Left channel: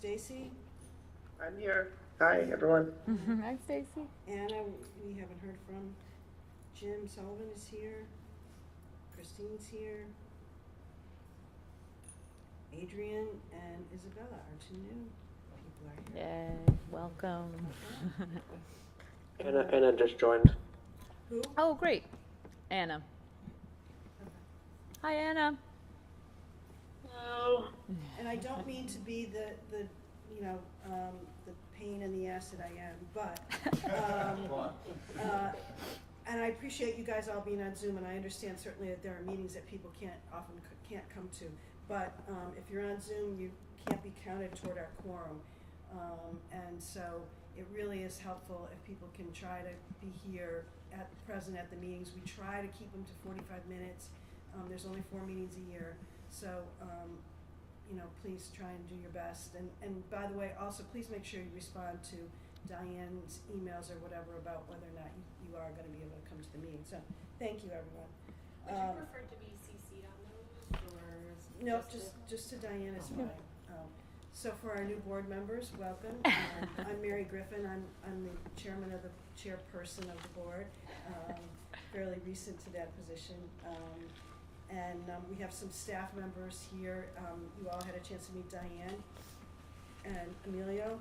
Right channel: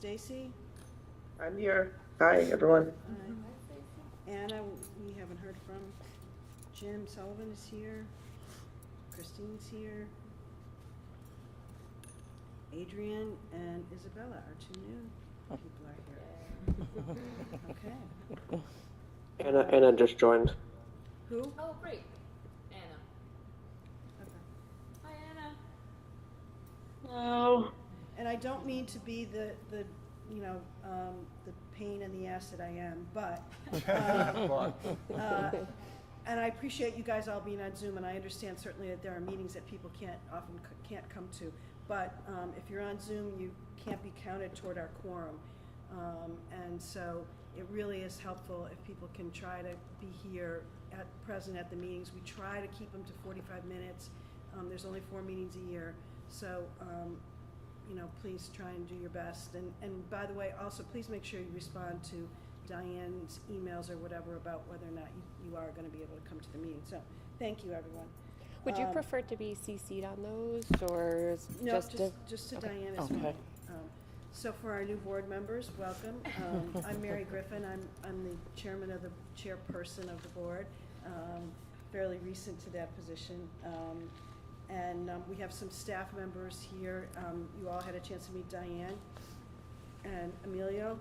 Stacy? I'm here. Hi, everyone. Hi, Stacy. Anna, we haven't heard from. Jim Sullivan is here. Christine's here. Adrian and Isabella are two new people are here. Yay, welcome. Anna just joined. Who? Oh, great. Anna. Okay. Hi, Anna. Hello. And I don't mean to be the pain in the ass that I am, but, and I appreciate you guys all being on Zoom, and I understand certainly that there are meetings that people often can't come to, but if you're on Zoom, you can't be counted toward our quorum, and so it really is helpful if people can try to be here present at the meetings. We try to keep them to 45 minutes. There's only 4 meetings a year, so please try and do your best. And by the way, also please make sure you respond to Diane's emails or whatever about whether or not you are going to be able to come to the meeting. So thank you, everyone. Would you prefer to be CC'd on those, or No, just to Diane as well. Okay. So for our new board members, welcome. I'm Mary Griffin. I'm the chairman of the chairperson of the board, fairly recent to that position. And we have some staff members here. You all had a chance to meet Diane and Emilio.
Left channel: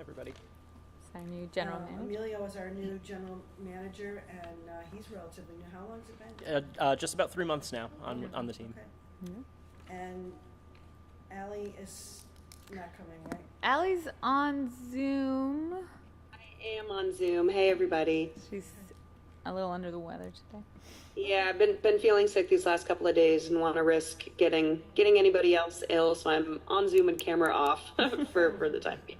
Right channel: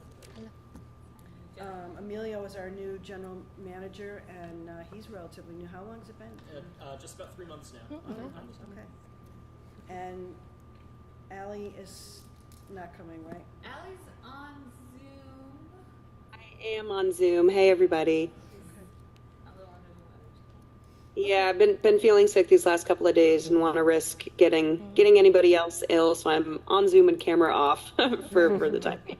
Everybody. It's our new general manager. Emilio is our new general manager, and he's relatively new. How long has it been? Just about 3 months now on the team. Okay. And Allie is not coming, right? Allie's on Zoom. I am on Zoom. Hey, everybody. She's a little under the weather today. Yeah, I've been feeling sick these last couple of days and want to risk getting anybody else ill, so I'm on Zoom and camera off for the time being.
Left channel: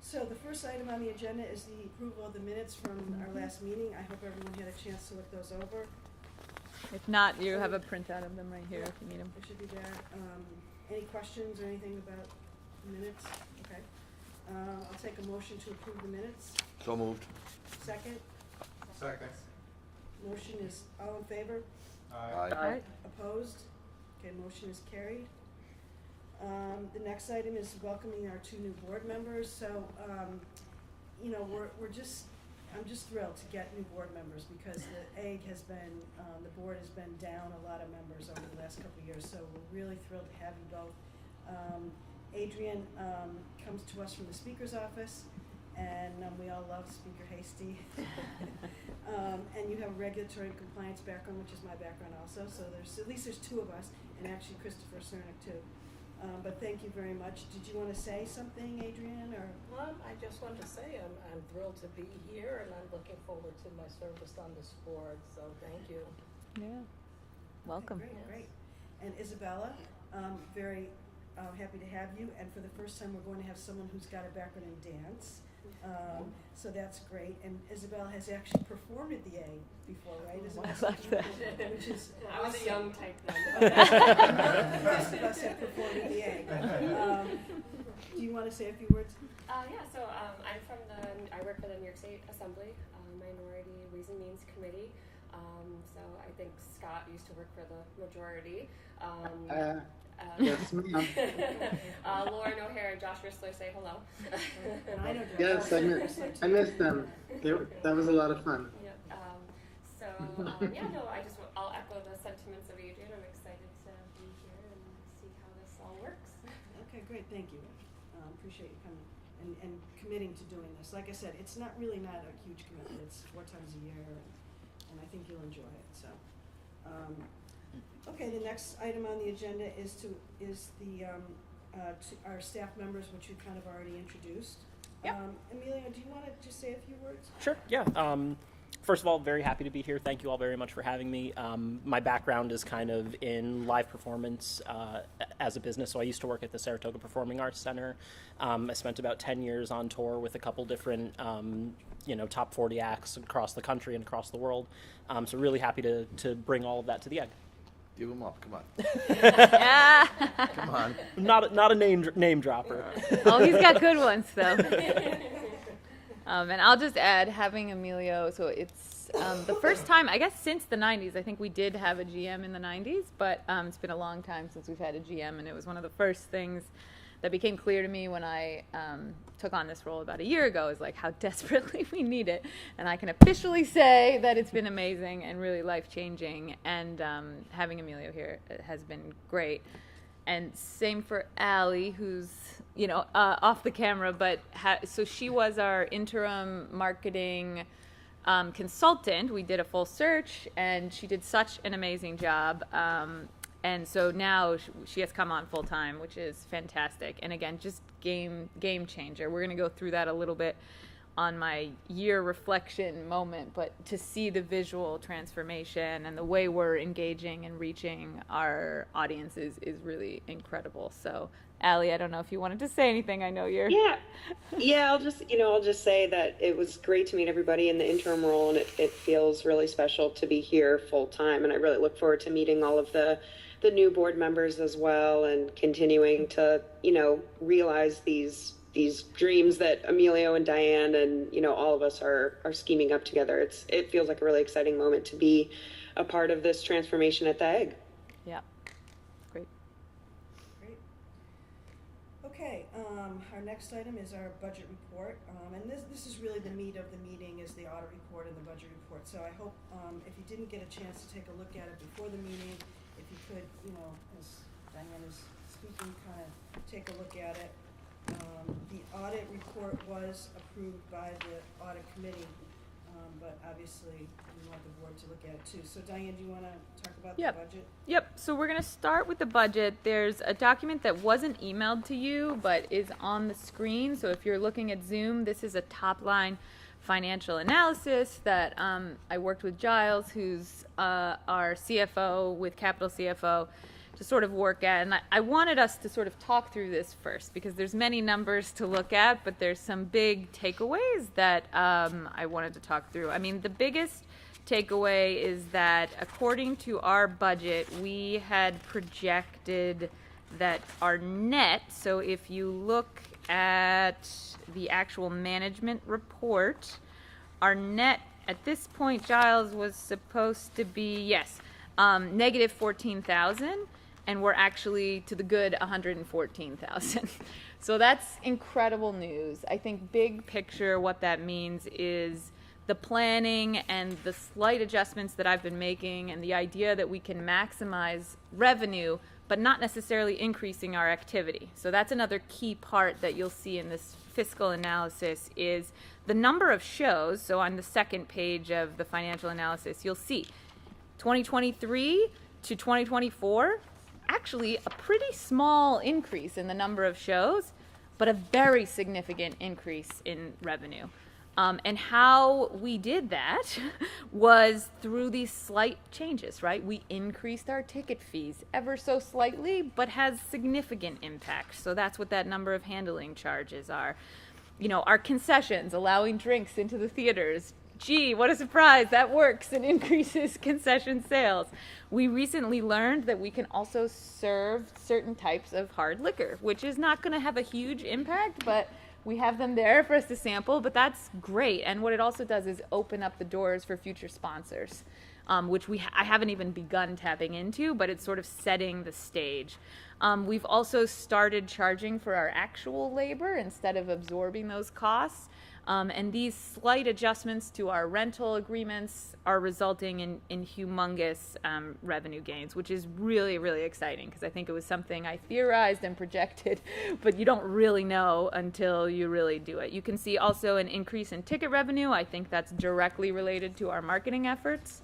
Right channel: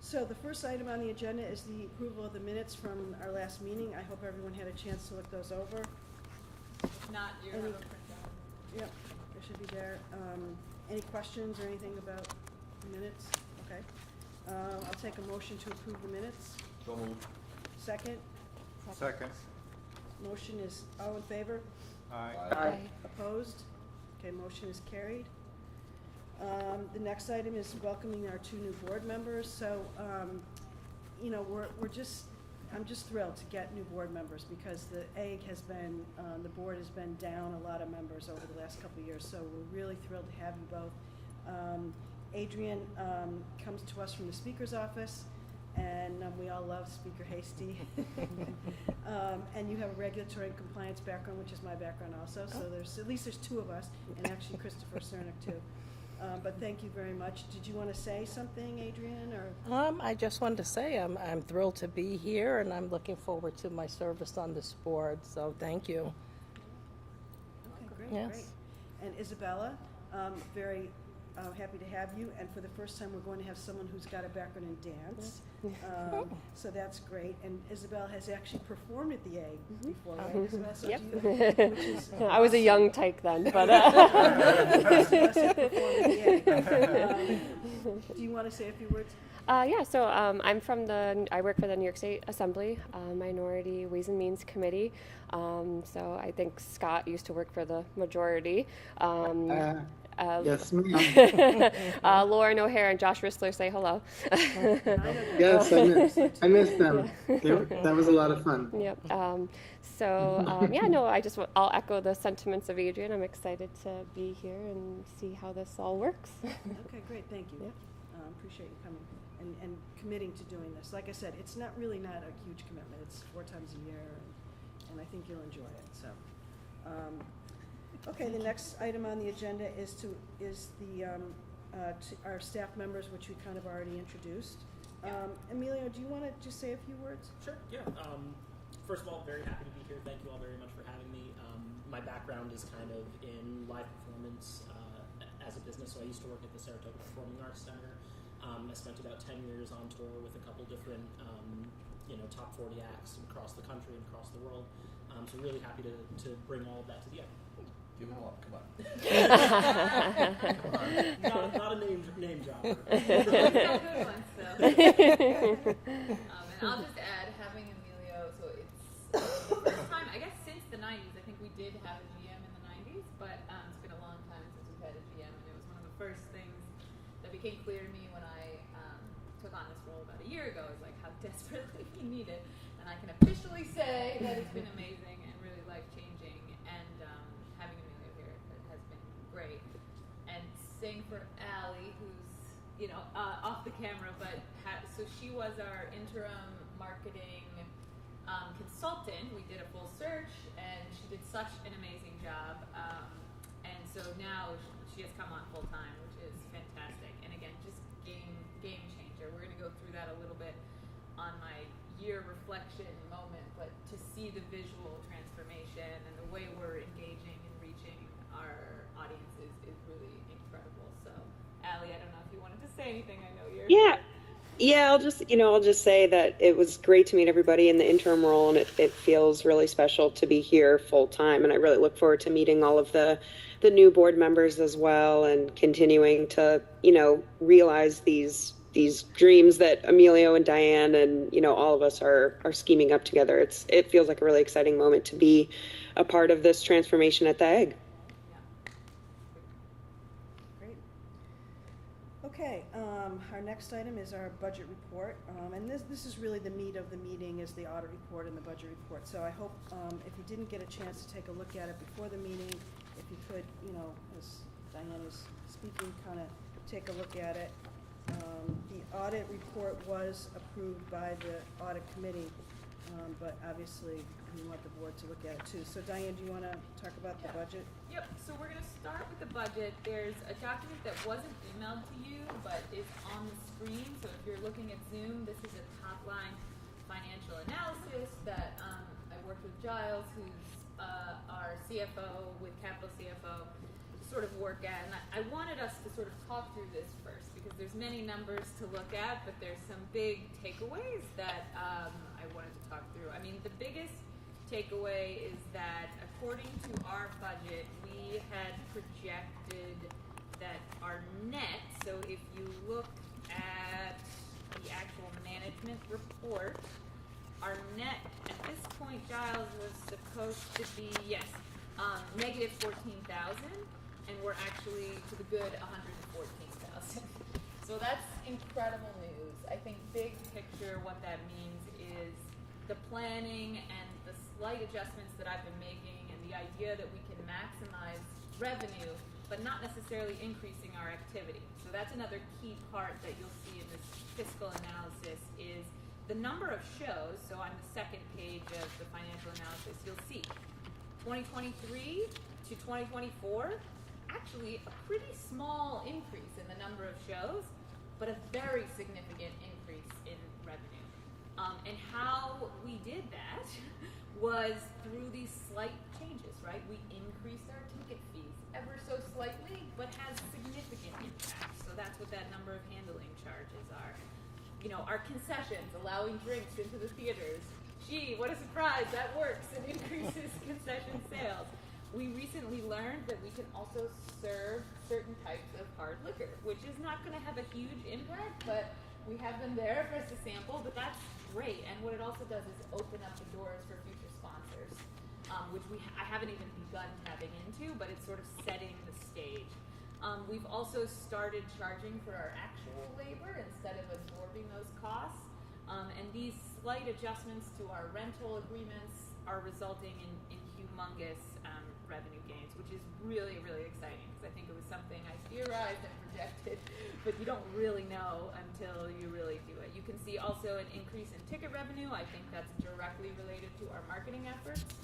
So the first item on the agenda is the approval of the minutes from our last meeting. I hope everyone had a chance to look those over. If not, you have a printout of them right here Yeah. if you need them. They should be there. Any questions or anything about the minutes? Okay. I'll take a motion to approve the minutes. So moved. Second. Second. Motion is all in favor? Aye. Opposed? Okay, motion is carried. The next item is welcoming our 2 new board members. So, I'm just thrilled to get new board members because the board has been down a lot of members over the last couple of years. So we're really thrilled to have you both. Adrian comes to us from the Speaker's office, and we all love Speaker Hasty. And you have a regulatory and compliance background, which is my background also. So at least there's 2 of us, and actually Christopher Cernick too. But thank you very much. Did you want to say something, Adrian, or? I just wanted to say I'm thrilled to be here, and I'm looking forward to my service on this board. So thank you. Yeah. Welcome. Okay, Yes. great. And Isabella, very happy to have you. And for the first time, we're going to have someone who's got a background in dance. So that's great. And Isabel has actually performed at the A before, right? Isabel? Which is I was a young tyke then, but Most of us have performed at the A. Do you want to say a few words? So I work for the New York State Assembly, Minority Ways and Means Committee. So I think Scott used to work for the majority. Yes, ma'am. Lauren O'Hare and Josh Rissler say hello. Yes, I missed them. That was a lot of fun. Yep. I'll echo the sentiments of Adrian. I'm excited to be here and see how this all works. Okay, great, thank you. Appreciate you coming and committing to doing this. Like I said, it's not a huge commitment. It's 4 times a year, and I think you'll enjoy it. So, okay, the next item on the agenda is our staff members, which we kind of already introduced. Yeah. Emilio, do you want to just say a few words? Sure, yeah. First of all, very happy to be here. Thank you all very much for having me. My background is kind of in live performance as a business. So I used to work at the Saratoga Performing Arts Center. I spent about 10 years on tour with a couple different, top 40 acts across the country and across the world. So really happy to bring all of that to the egg. Give them up. Come on. Come on. Not a name dropper. Oh, he's got good ones though. And I'll just add, having Emilio, so it's the first time, I guess, since the 90s. I think we did have a GM in the 90s, but it's been a long time since we've had a GM, and it was one of the first things that became clear to me when I took on this role about a year ago is like how desperately we need it. And I can officially say that it's been amazing and really life-changing. And having Emilio here has been great. And same for Allie, who's off the camera, but so she was our interim marketing consultant. We did a full search, and she did such an amazing job. And so now she has come on full time, which is fantastic. And again, just game changer. We're going to go through that a little bit on my year reflection moment, but to see the visual transformation and the way we're engaging and reaching our audiences is really incredible. So Allie, I don't know if you wanted to say anything. I know you're... Yeah, I'll just say that it was great to meet everybody in the interim role, and it feels really special to be here full time. And I really look forward to meeting all of the new board members as well, and continuing to, realize these dreams that Emilio and Diane and, all of us are scheming up together. It feels like a really exciting moment to be a part of this transformation at the Egg. Yeah. Great. Okay, our next item is our budget report, and this is really the meat of the meeting, is the audit report and the budget report. So I hope if you didn't get a chance to take a look at it before the meeting, if you could, as Diane was speaking, kind of take a look at it. The audit report was approved by the audit committee, but obviously we want the board to look at it too. So Diane, do you want to talk about the budget? Yep, so we're going to start with the budget. There's a document that wasn't emailed to you, but is on the screen. So if you're looking at Zoom, this is a top-line financial analysis that I worked with Giles, who's our CFO with Capital CFO, to sort of work at. And I wanted us to sort of talk through this first, because there's many numbers to look at, but there's some big takeaways that I wanted to talk through. I mean, the biggest takeaway is that according to our budget, we had projected that our net, so if you look at the actual management report, our net at this point, Giles, was supposed to be, negative 14,000, and we're actually to the good 114,000. So that's incredible news. I think big picture, what that means is the planning and the slight adjustments that I've been making, and the idea that we can maximize revenue but not necessarily increasing our activity. So that's another key part that you'll see in this fiscal analysis is the number of shows. So on the second page of the financial analysis, you'll see 2023 to 2024, actually a pretty small increase in the number of shows, but a very significant increase in revenue. And how we did that was through these slight changes, right? We increased our ticket fees ever so slightly, but has significant impact. So that's what that number of handling charges are. Our concessions, allowing drinks into the theaters. Gee, what a surprise, that works and increases concession sales. We recently learned that we can also serve certain types of hard liquor, which is not going to have a huge impact, but we have them there for us to sample, but that's great. And what it also does is open up the doors for future sponsors, which I haven't even begun tapping into, but it's sort of setting the stage. We've also started charging for our actual labor instead of absorbing those costs. And these slight adjustments to our rental agreements are resulting in humongous revenue gains, which is really, really exciting, because I think it was something I theorized and projected, but you don't really know until you really do it. You can see also an increase in ticket revenue. I think that's directly related to our marketing efforts.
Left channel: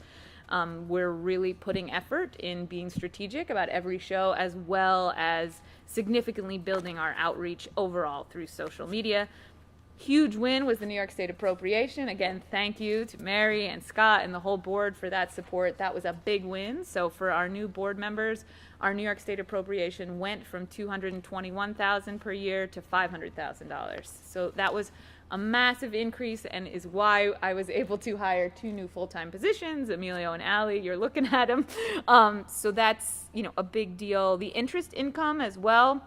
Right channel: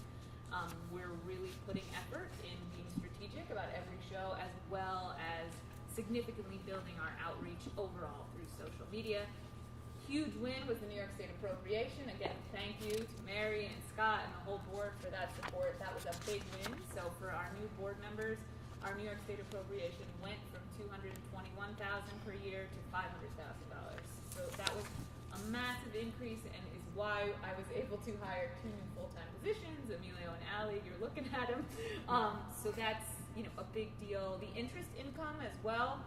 We're really putting effort in being strategic about every show, as well as significantly building our outreach overall through social media. Huge win was the New York State appropriation. Again, thank you to Mary and Scott and the whole board for that support. That was a big win. So for our new board members, our New York State appropriation went from $221,000 per year to $500,000. So that was a massive increase, and is why I was able to hire 2 new full-time positions, Emilio and Allie. You're looking at them. So that's a big deal. The interest income as well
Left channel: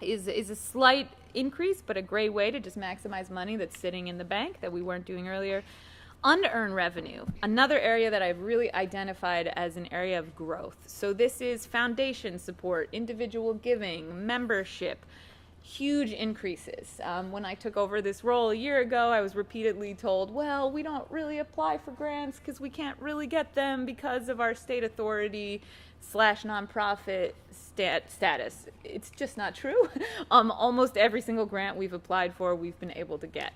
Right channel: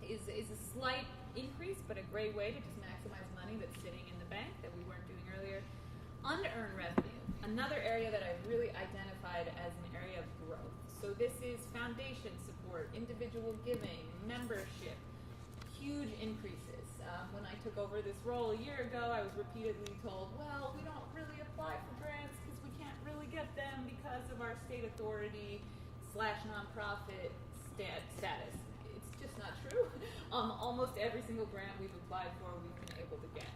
is a slight increase, but a great way to just maximize money that's sitting in the bank that we weren't doing earlier. Unearned revenue, another area that I've really identified as an area of growth. So this is foundation support, individual giving, membership. huge increases. When I took over this role a year ago, I was repeatedly told, well, we don't really apply for grants because we can't really get them because of our state authority / nonprofit status. It's just not true. Almost every single grant we've applied for, we've been able to get.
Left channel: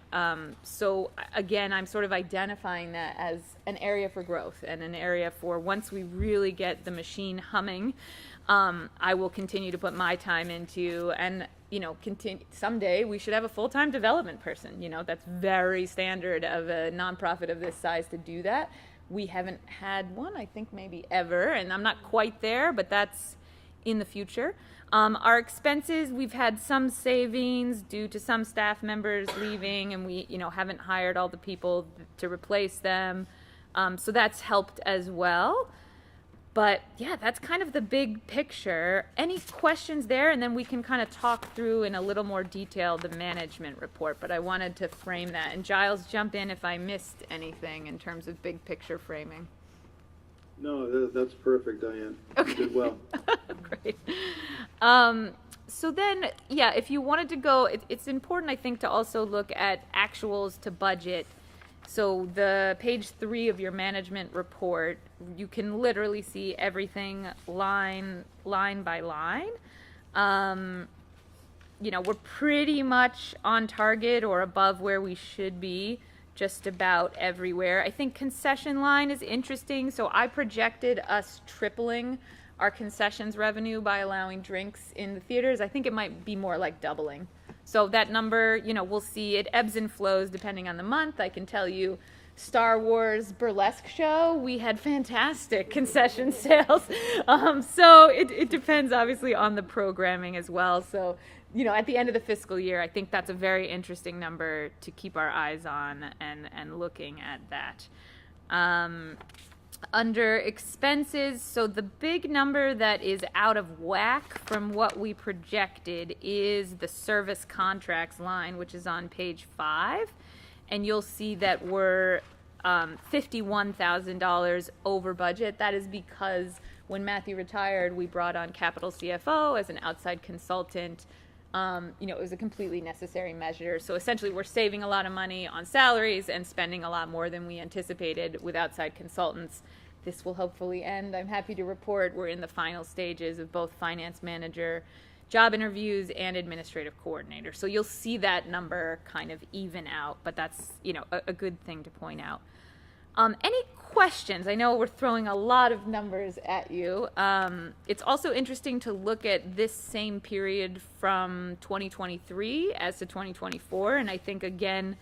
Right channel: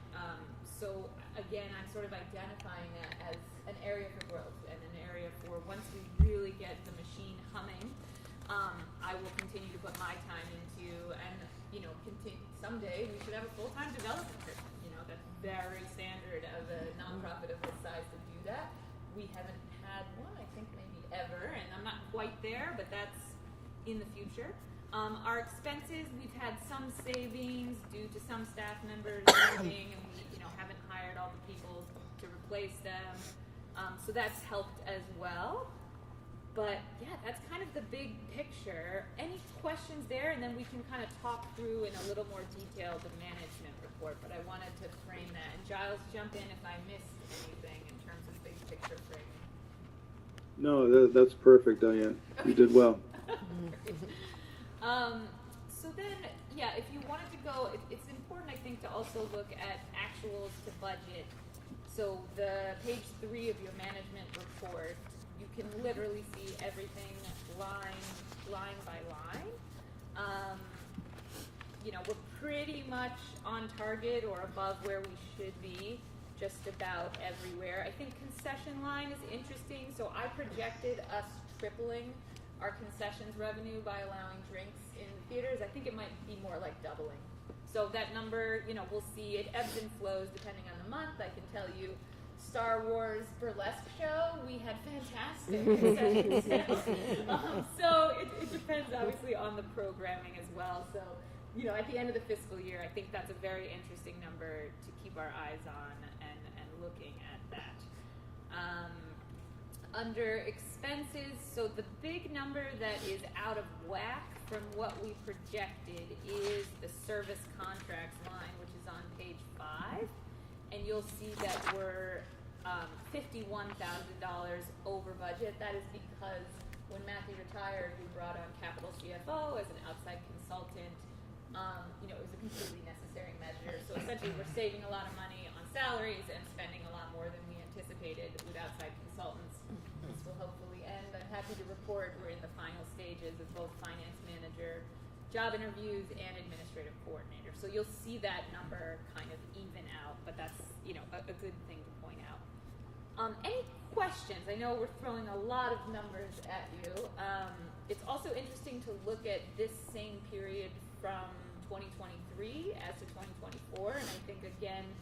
So again, I'm sort of identifying that as an area for growth and an area for once we really get the machine humming, I will continue to put my time into, and someday we should have a full-time development person. That's very standard of a nonprofit of this size to do that. We haven't had one, I think maybe ever, and I'm not quite there, but that's in the future. Our expenses, we've had some savings due to some staff members leaving, and we haven't hired all the people to replace them. So that's helped as well. But yeah, that's kind of the big picture. Any questions there? And then we can kind of talk through in a little more detail the management report. But I wanted to frame that. And Giles, jump in if I missed anything in terms of big picture framing. No, that's perfect, Diane. You did well. Great. So then, yeah, if you wanted to go, it's important, I think, to also look at actuals to budget. So the page 3 of your management report, you can literally see everything line by line. We're pretty much on target or above where we should be just about everywhere. I think concession line is interesting. So I projected us tripling our concessions revenue by allowing drinks in the theaters. I think it might be more like doubling. So that number, we'll see. It ebbs and flows depending on the month. I can tell you, Star Wars burlesque show, we had fantastic concession sales. So it depends obviously on the programming as well. So, at the end of the fiscal year, I think that's a very interesting number to keep our eyes on and looking at that. Under expenses, so the big number that is out of whack from what we projected is the service contracts line, which is on page 5. And you'll see that we're $51,000 over budget. That is because when Matthew retired, we brought on Capital CFO as an outside consultant. It was a completely necessary measure. So essentially, we're saving a lot of money on salaries and spending a lot more than we anticipated with outside consultants. This will hopefully end. I'm happy to report we're in the final stages of both finance manager job interviews and administrative coordinator. So you'll see that number kind of even out, but that's, a good thing to point out. Any questions? I know we're throwing a lot of numbers at you. It's also interesting to look at this same period from 2023 as to 2024, and I think, again,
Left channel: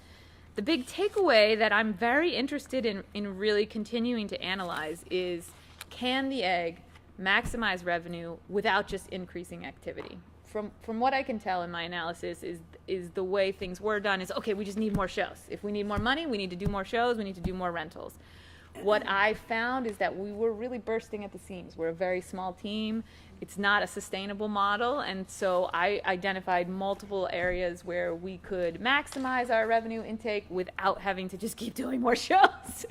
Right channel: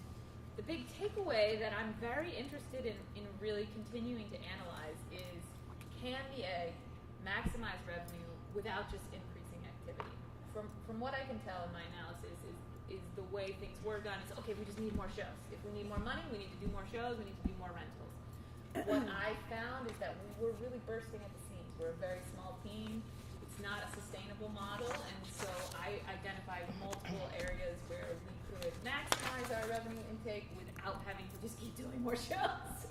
the big takeaway that I'm very interested in really continuing to analyze is, can the egg maximize revenue without just increasing activity? From what I can tell in my analysis is the way things were done is, okay, we just need more shows. If we need more money, we need to do more shows, we need to do more rentals. What I found is that we were really bursting at the seams. We're a very small team. It's not a sustainable model, and so I identified multiple areas where we could maximize our revenue intake without having to just keep doing more shows.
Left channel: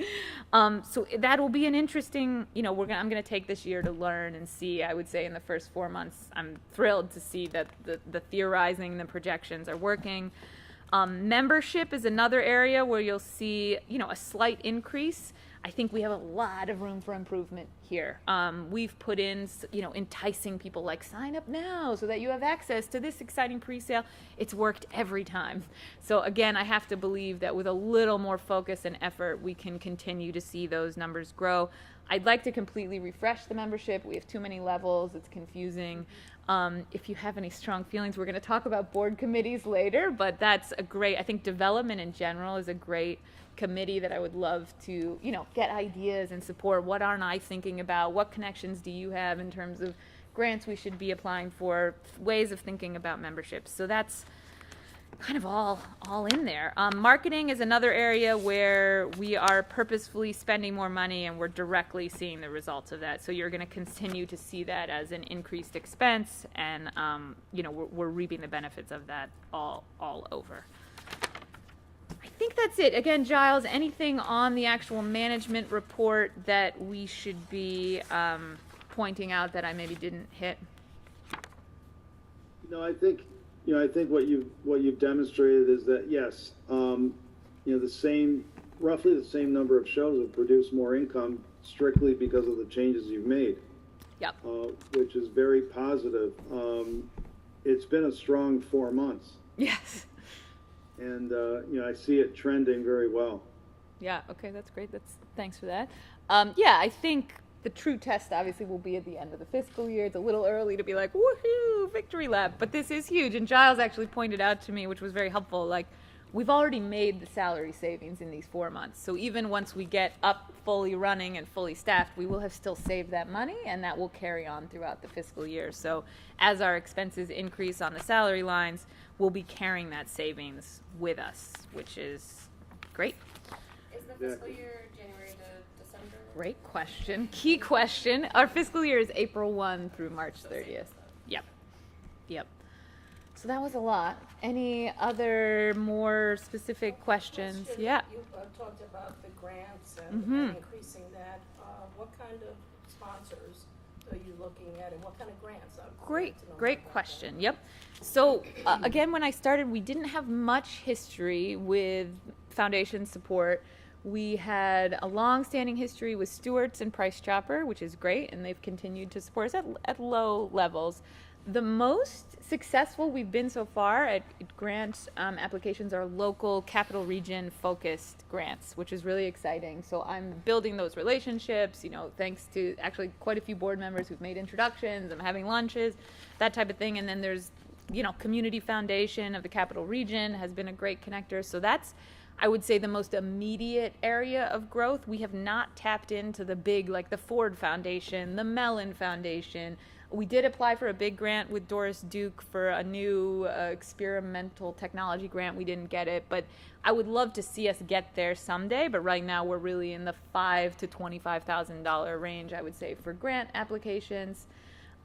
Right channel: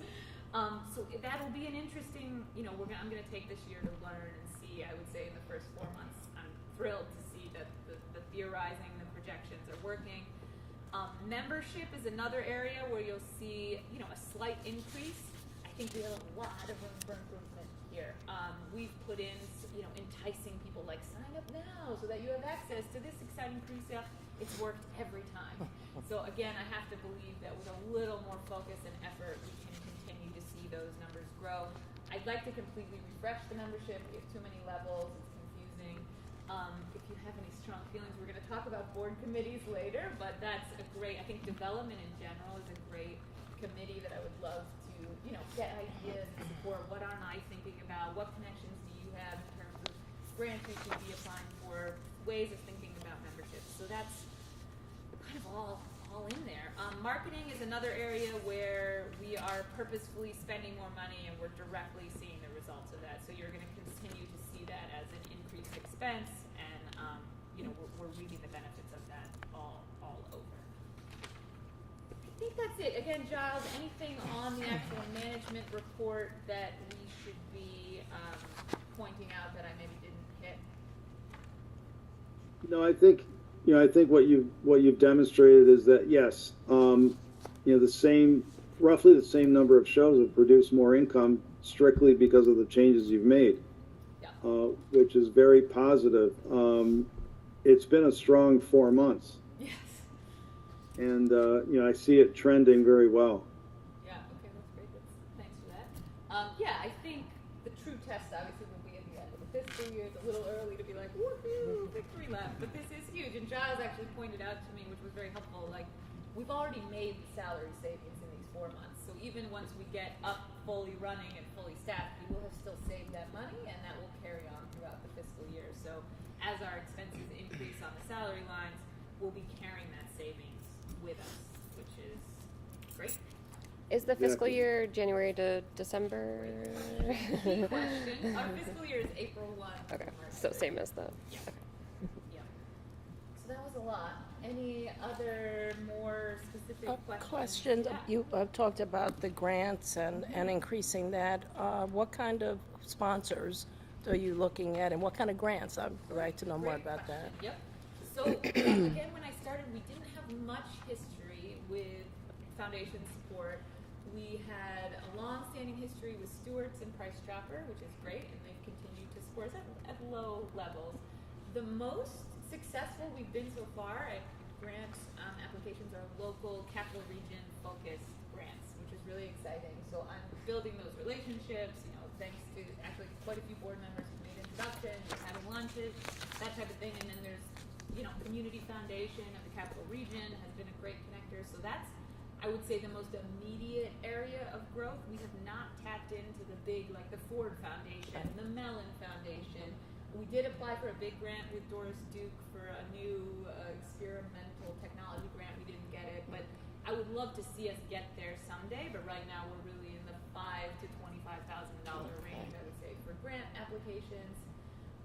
So that will be an interesting, I'm going to take this year to learn and see. I would say in the first 4 months, I'm thrilled to see that the theorizing, the projections are working. Membership is another area where you'll see, a slight increase. I think we have a lot of room for improvement here. We've put in, enticing people like sign up now so that you have access to this exciting pre-sale. It's worked every time. So again, I have to believe that with a little more focus and effort, we can continue to see those numbers grow. I'd like to completely refresh the membership. We have too many levels. It's confusing. If you have any strong feelings, we're going to talk about board committees later, but that's a great, I think development in general is a great committee that I would love to, get ideas and support. What aren't I thinking about? What connections do you have in terms of grants we should be applying for, ways of thinking about memberships? So that's kind of all in there. Marketing is another area where we are purposefully spending more money and we're directly seeing the results of that. So you're going to continue to see that as an increased expense, and we're reaping the benefits of that all over. I think that's it. Again, Giles, anything on the actual management report that we should be pointing out that I maybe didn't hit? I think, I think what you've demonstrated is that yes, roughly the same number of shows have produced more income strictly because of the changes you've made. Yep. Which is very positive. It's been a strong 4 months, Yes. and I see it trending very well. Yeah, okay, that's great. Thanks for that. I think the true test obviously will be at the end of the fiscal year. It's a little early to be like, woohoo, victory lap, but this is huge. And Giles actually pointed out to me, which was very helpful, like, we've already made the salary savings in these 4 months. So even once we get up fully running and fully staffed, we will have still saved that money, and that will carry on throughout the fiscal year. So as our expenses increase on the salary lines, we'll be carrying that savings with us, which is great. Is the fiscal year January to December? Great question. Key question. Our fiscal year is April 1 through March 30th. So same as the. Yep. Yep. So that was a lot. Any other more specific questions? Question. Yeah. You talked about the grants and increasing that. What kind of sponsors are you looking at, and what kind of grants? I'd like to know more Great about question. Yep. So again, when I started, we didn't have much history with foundation support. We had a long-standing history with Stewart's and Price Chopper, which is great, and they've continued to support us at low levels. The most successful we've been so far at grant applications are local capital region focused grants, which is really exciting. So I'm building those relationships, thanks to actually quite a few board members who've made introductions. I'm having lunches, that type of thing. And then there's, Community Foundation of the Capital Region has been a great connector. So that's, I would say, the most immediate area of growth. We have not tapped into the big, like the Ford Foundation, the Mellon Foundation. We did apply for a big grant with Doris Duke for a new experimental technology grant. We didn't get it, but I would love to see us get there someday. But right now we're really in the $5,000 to $25,000 range, I would say, for grant applications.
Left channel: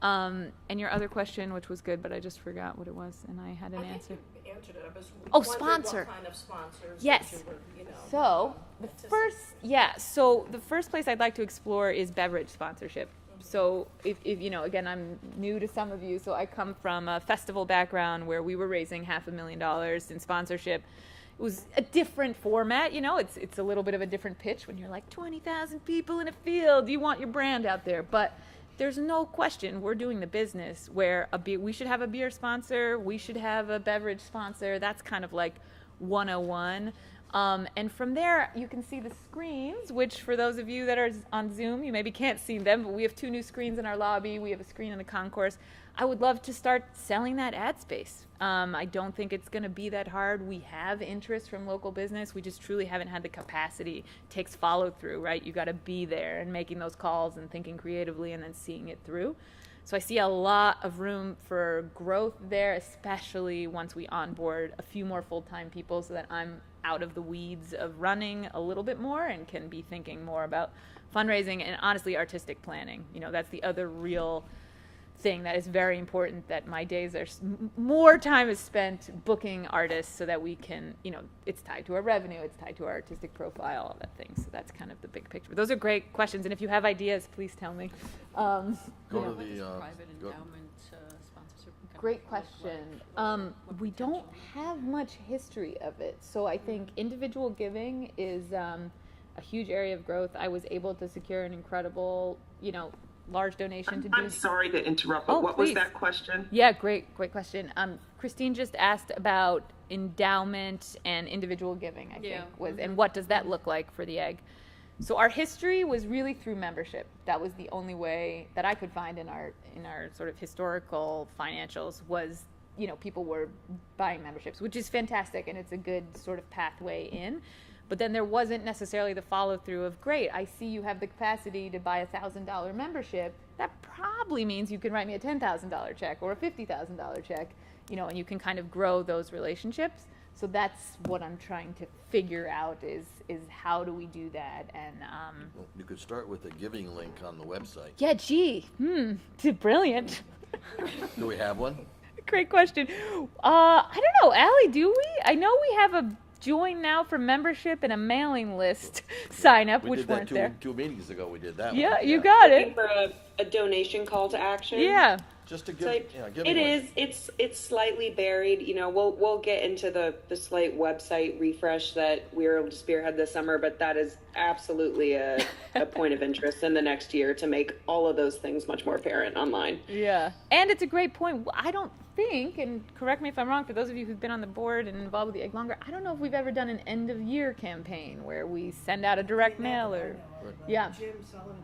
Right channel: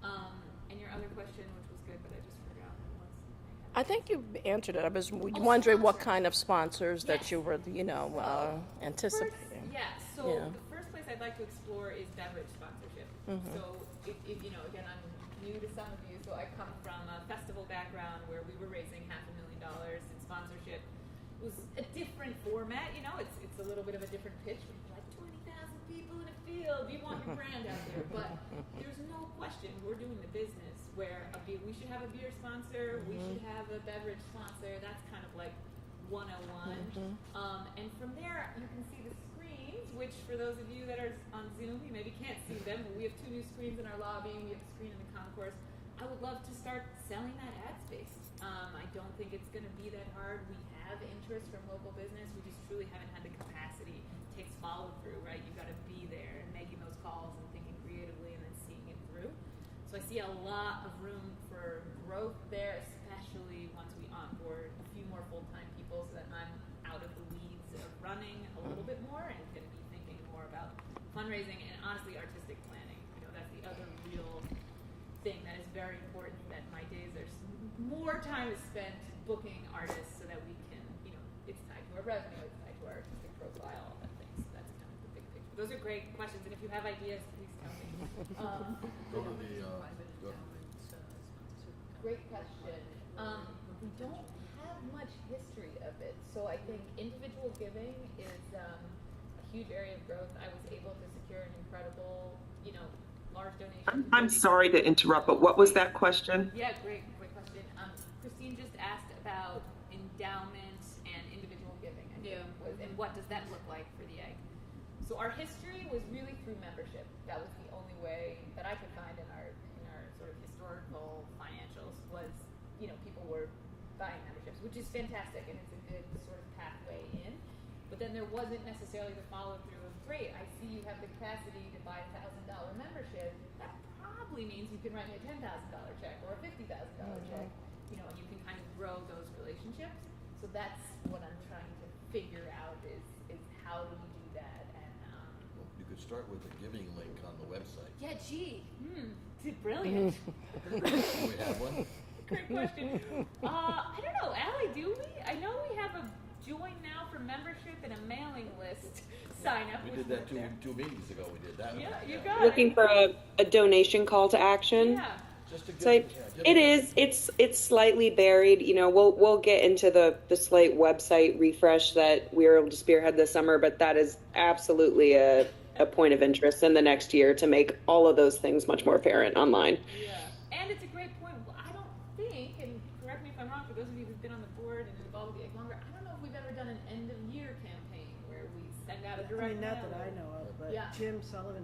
And your other question, which was good, but I just forgot what it was, and I had an I think answer. you answered it. I was wondering sponsor. what kind of sponsors Yes. that you were, So, anticipating. the first place I'd like to explore is beverage sponsorship. So if again, I'm new to some of you, so I come from a festival background where we were raising $500,000 in sponsorship. It was a different format, it's a little bit of a different pitch when you're like 20,000 people in a field, you want your brand out there, but there's no question we're doing the business where we should have a beer sponsor, we should have a beverage sponsor. That's kind of like 101. And from there, you can see the screens, which for those of you that are on Zoom, you maybe can't see them, but we have 2 new screens in our lobby. We have a screen in the concourse. I would love to start selling that ad space. I don't think it's going to be that hard. We have interest from local business. We just truly haven't had the capacity. It takes follow through, right? You got to be there and making those calls and thinking creatively and then seeing it through. So I see a lot of room for growth there, especially once we onboard a few more full-time people so that I'm out of the weeds of running a little bit more and can be thinking more about fundraising and honestly artistic planning. That's the other real thing that is very important, that my days are more time is spent booking artists so that we can, it's tied to our revenue, it's tied to our artistic profile, all that thing. So that's kind of the big picture. But those are great questions, and if you have ideas, please tell me. Go to the, private endowment sponsorship? Great question. We don't have much history of it, so I think individual giving is a huge area of growth. I was able to secure an incredible, large donation to I'm sorry to interrupt, but what was that question? Yeah, great question. Christine just asked about endowment and individual giving, I think, and what does that look like for the egg? So our history was really through membership. That was the only way that I could find in our sort of historical financials was, people were buying memberships, which is fantastic, and it's a good sort of pathway in. But then there wasn't necessarily the follow-through of, great, I see you have the capacity to buy a $1,000 membership. That probably means you can write me a $10,000 check or a $50,000 check, and you can kind of grow those relationships. So that's what I'm trying to figure out is how do we do that? And Well, you could start with a giving link on the website. yeah, brilliant. Do we have one? Great question. I don't know, Allie, do we? I know we have a join now for membership and a mailing list sign up, We which did that weren't there. two meetings ago. We did that. Yeah, one. you got Looking it. for a donation call to action. Yeah. Just to give, So it is. It's slightly buried. You know, we'll get into the Slate website refresh that we were able to spearhead this summer, but that is absolutely a point of interest in the next year to make all of those things much more apparent online. Yeah. And it's a great point. I don't think, and correct me if I'm wrong, for those of you who've been on the board and involved with the Egg longer, I don't know if we've ever done an end of year campaign where we send out a direct mail or. Yeah. Jim Sullivan.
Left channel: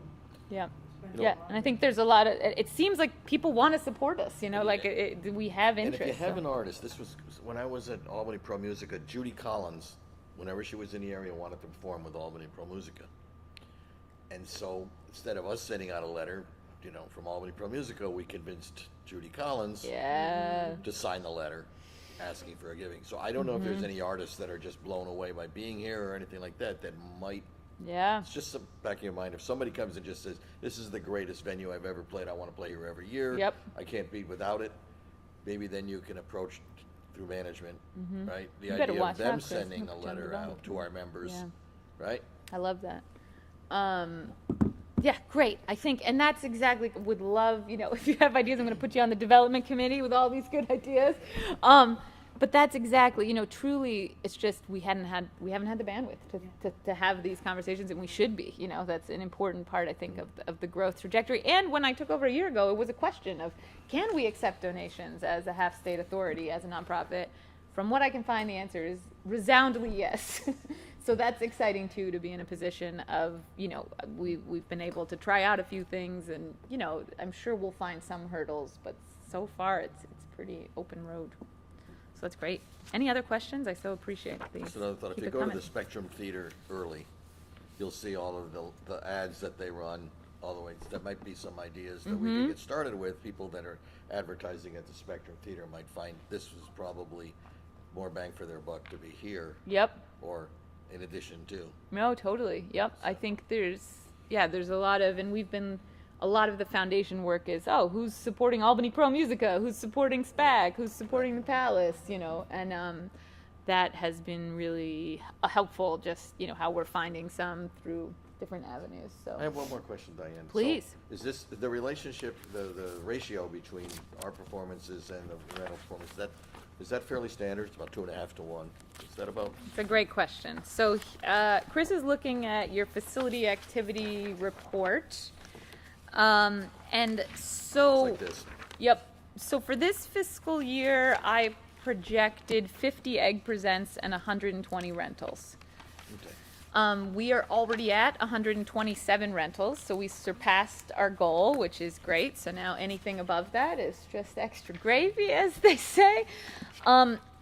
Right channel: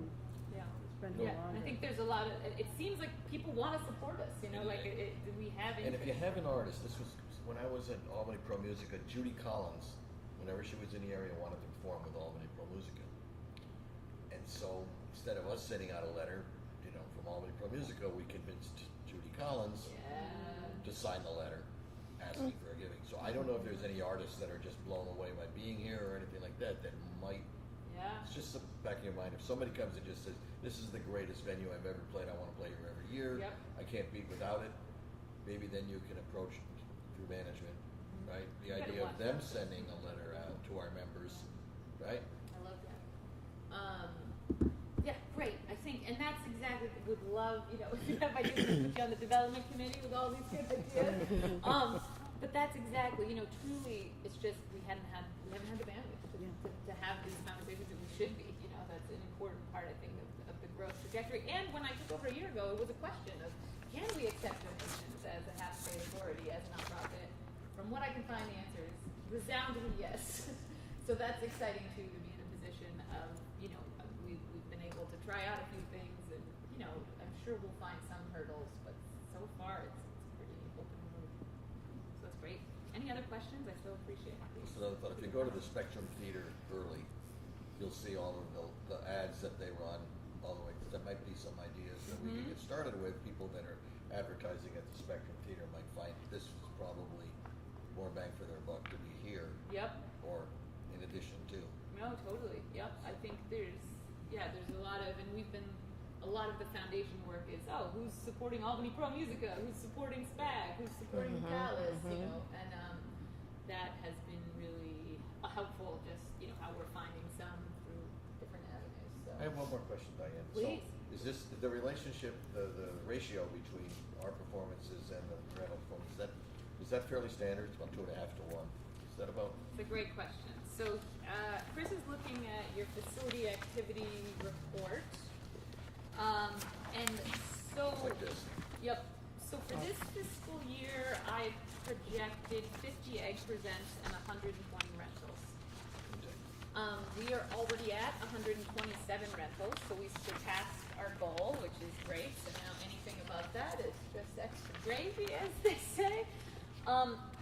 Yeah. been Yeah, going and I on. think there's a lot of. It seems like people want to support us. You know, like we have And interest. if you have so. an artist, this was when I was at Albany Pro Musica, Judy Collins, whenever she was in the area, wanted to perform with Albany Pro Musica. And so instead of us sending out a letter, you know, from Albany Pro Musica, we convinced Judy Collins to sign the letter asking for a giving. So I don't know if there's any artists that are just blown away by being here or anything like that that might. Yeah. It's just some back in your mind. If somebody comes and just says, "This is the greatest venue I've ever played. I want to play here every year. Yep. I can't be without it." Maybe then you can approach through management, right? The You better idea watch of them out, Chris. sending a Jump letter the gun. out to our members, Yeah. right? I love that. Yeah, great. I think, and that's exactly, would love, you know, if you have ideas, I'm going to put you on the development committee with all these good ideas. But that's exactly, you know, truly, it's just we haven't had the bandwidth to have these conversations, and we should be. You know, that's an important part, I think, of the growth trajectory. And when I took over a year ago, it was a question of, can we accept donations as a half-state authority, as a nonprofit? From what I can find, the answer is resoundingly yes. So that's exciting too, to be in a position of, you know, we've been able to try out a few things, and you know, I'm sure we'll find some hurdles, but so far it's pretty open road. So that's great. Any other questions? I so appreciate these. Just another thought. If Keep you it go to coming. the Spectrum Theater early, you'll see all of the ads that they run all the way. There might be some ideas that we can get started with. People that are advertising at the Spectrum Theater might find this was probably more bang for their buck to be here. Yep. Or in addition to. No, totally. Yep. I think there's a lot of, and a lot of the foundation work is, who's supporting Albany Pro Musica, who's supporting SPAG, who's supporting the Palace, you know, and that has been really helpful, just, you know, how we're finding some through different avenues. So I have one more question, Diane. Please. So is this the relationship, the ratio between our performances and the rental performance, is that fairly standard? It's about 2.5 to 1. Is that about? it's a great question. So Chris is looking at your facility activity report. And so, Like this. Yep. So for this fiscal year, I projected 50 Egg Presents and 120 rentals. Okay. We are already at 127 rentals, so we surpassed our goal, which is great. So now anything above that is just extra gravy, as they say.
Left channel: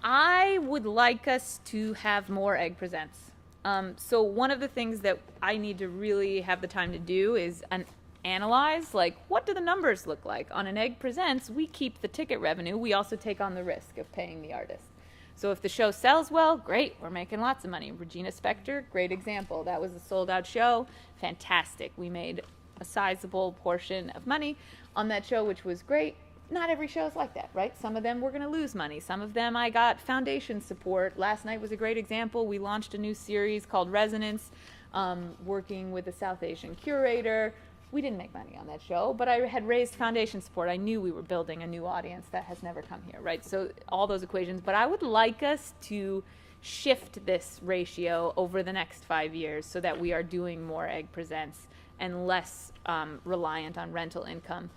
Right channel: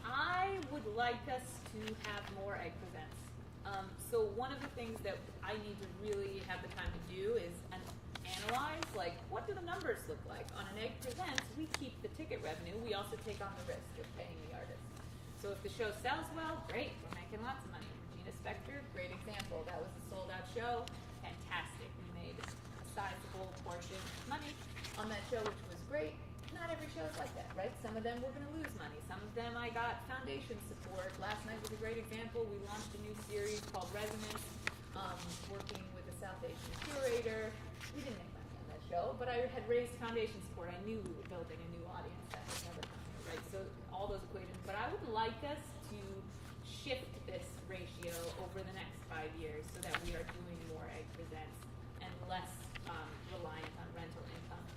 I would like us to have more Egg Presents. So one of the things that I need to really have the time to do is analyze, like, what do the numbers look like? On an Egg Presents, we keep the ticket revenue. We also take on the risk of paying the artist. So if the show sells well, great, we're making lots of money. Regina Spektor, great example. That was a sold-out show, fantastic. We made a sizable portion of money on that show, which was great. Not every show is like that, right? Some of them we're going to lose money. Some of them I got foundation support. Last night was a great example. We launched a new series called Resonance, working with a South Asian curator. We didn't make money on that show, but I had raised foundation support. I knew we were building a new audience that has never come here, right? So all those equations. But I would like us to shift this ratio over the next 5 years so that we are doing more Egg Presents and less reliant on rental income.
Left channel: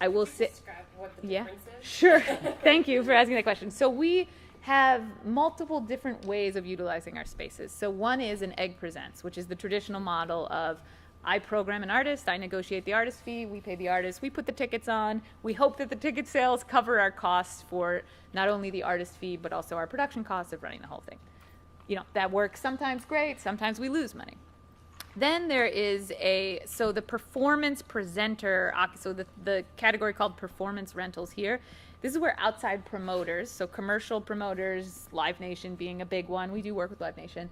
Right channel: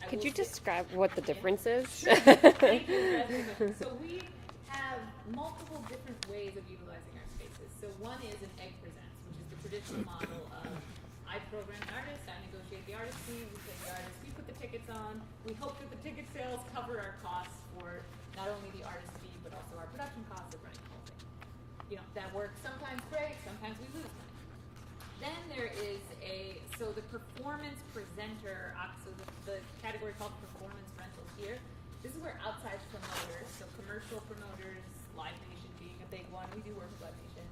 I will Could you describe what the difference is? Sure. Thank you for asking that question. So we have multiple different ways of utilizing our spaces. So one is an Egg Presents, which is the traditional model of I program an artist, I negotiate the artist fee, we pay the artist, we put the tickets on, we hope that the ticket sales cover our costs for not only the artist fee, but also our production costs of running the whole thing. You know, that works sometimes great, sometimes we lose money. Then there is the performance presenter, so the category called performance rentals here, this is where outside promoters, so commercial promoters, Live Nation being a big one, we do work with Live Nation,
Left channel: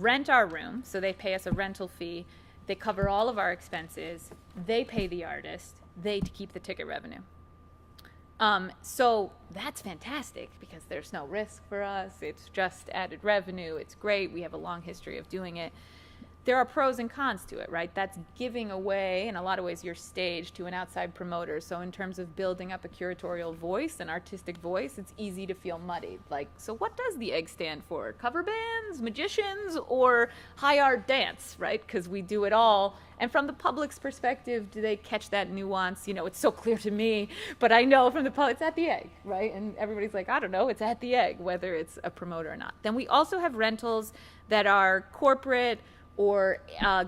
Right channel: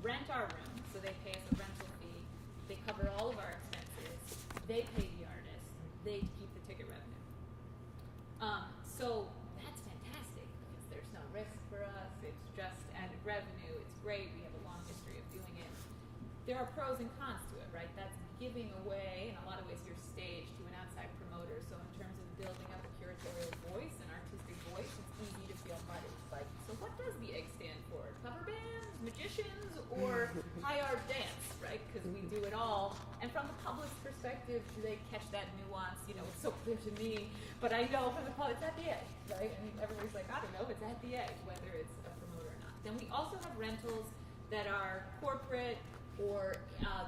rent our room, so they pay us a rental fee, they cover all of our expenses, they pay the artist, they keep the ticket revenue. So that's fantastic because there's no risk for us, it's just added revenue, it's great, we have a long history of doing it. there are pros and cons to it, right? That's giving away, in a lot of ways, your stage to an outside promoter. So in terms of building up a curatorial voice, an artistic voice, it's easy to feel muddied. Like, so what does the egg stand for? Cover bands, magicians, or high art dance, right? Because we do it all. And from the public's perspective, do they catch that nuance? You know, it's so clear to me, but I know from the public, it's at the egg, right? And everybody's like, I don't know, it's at the egg, whether it's a promoter or not. Then we also have rentals that are corporate or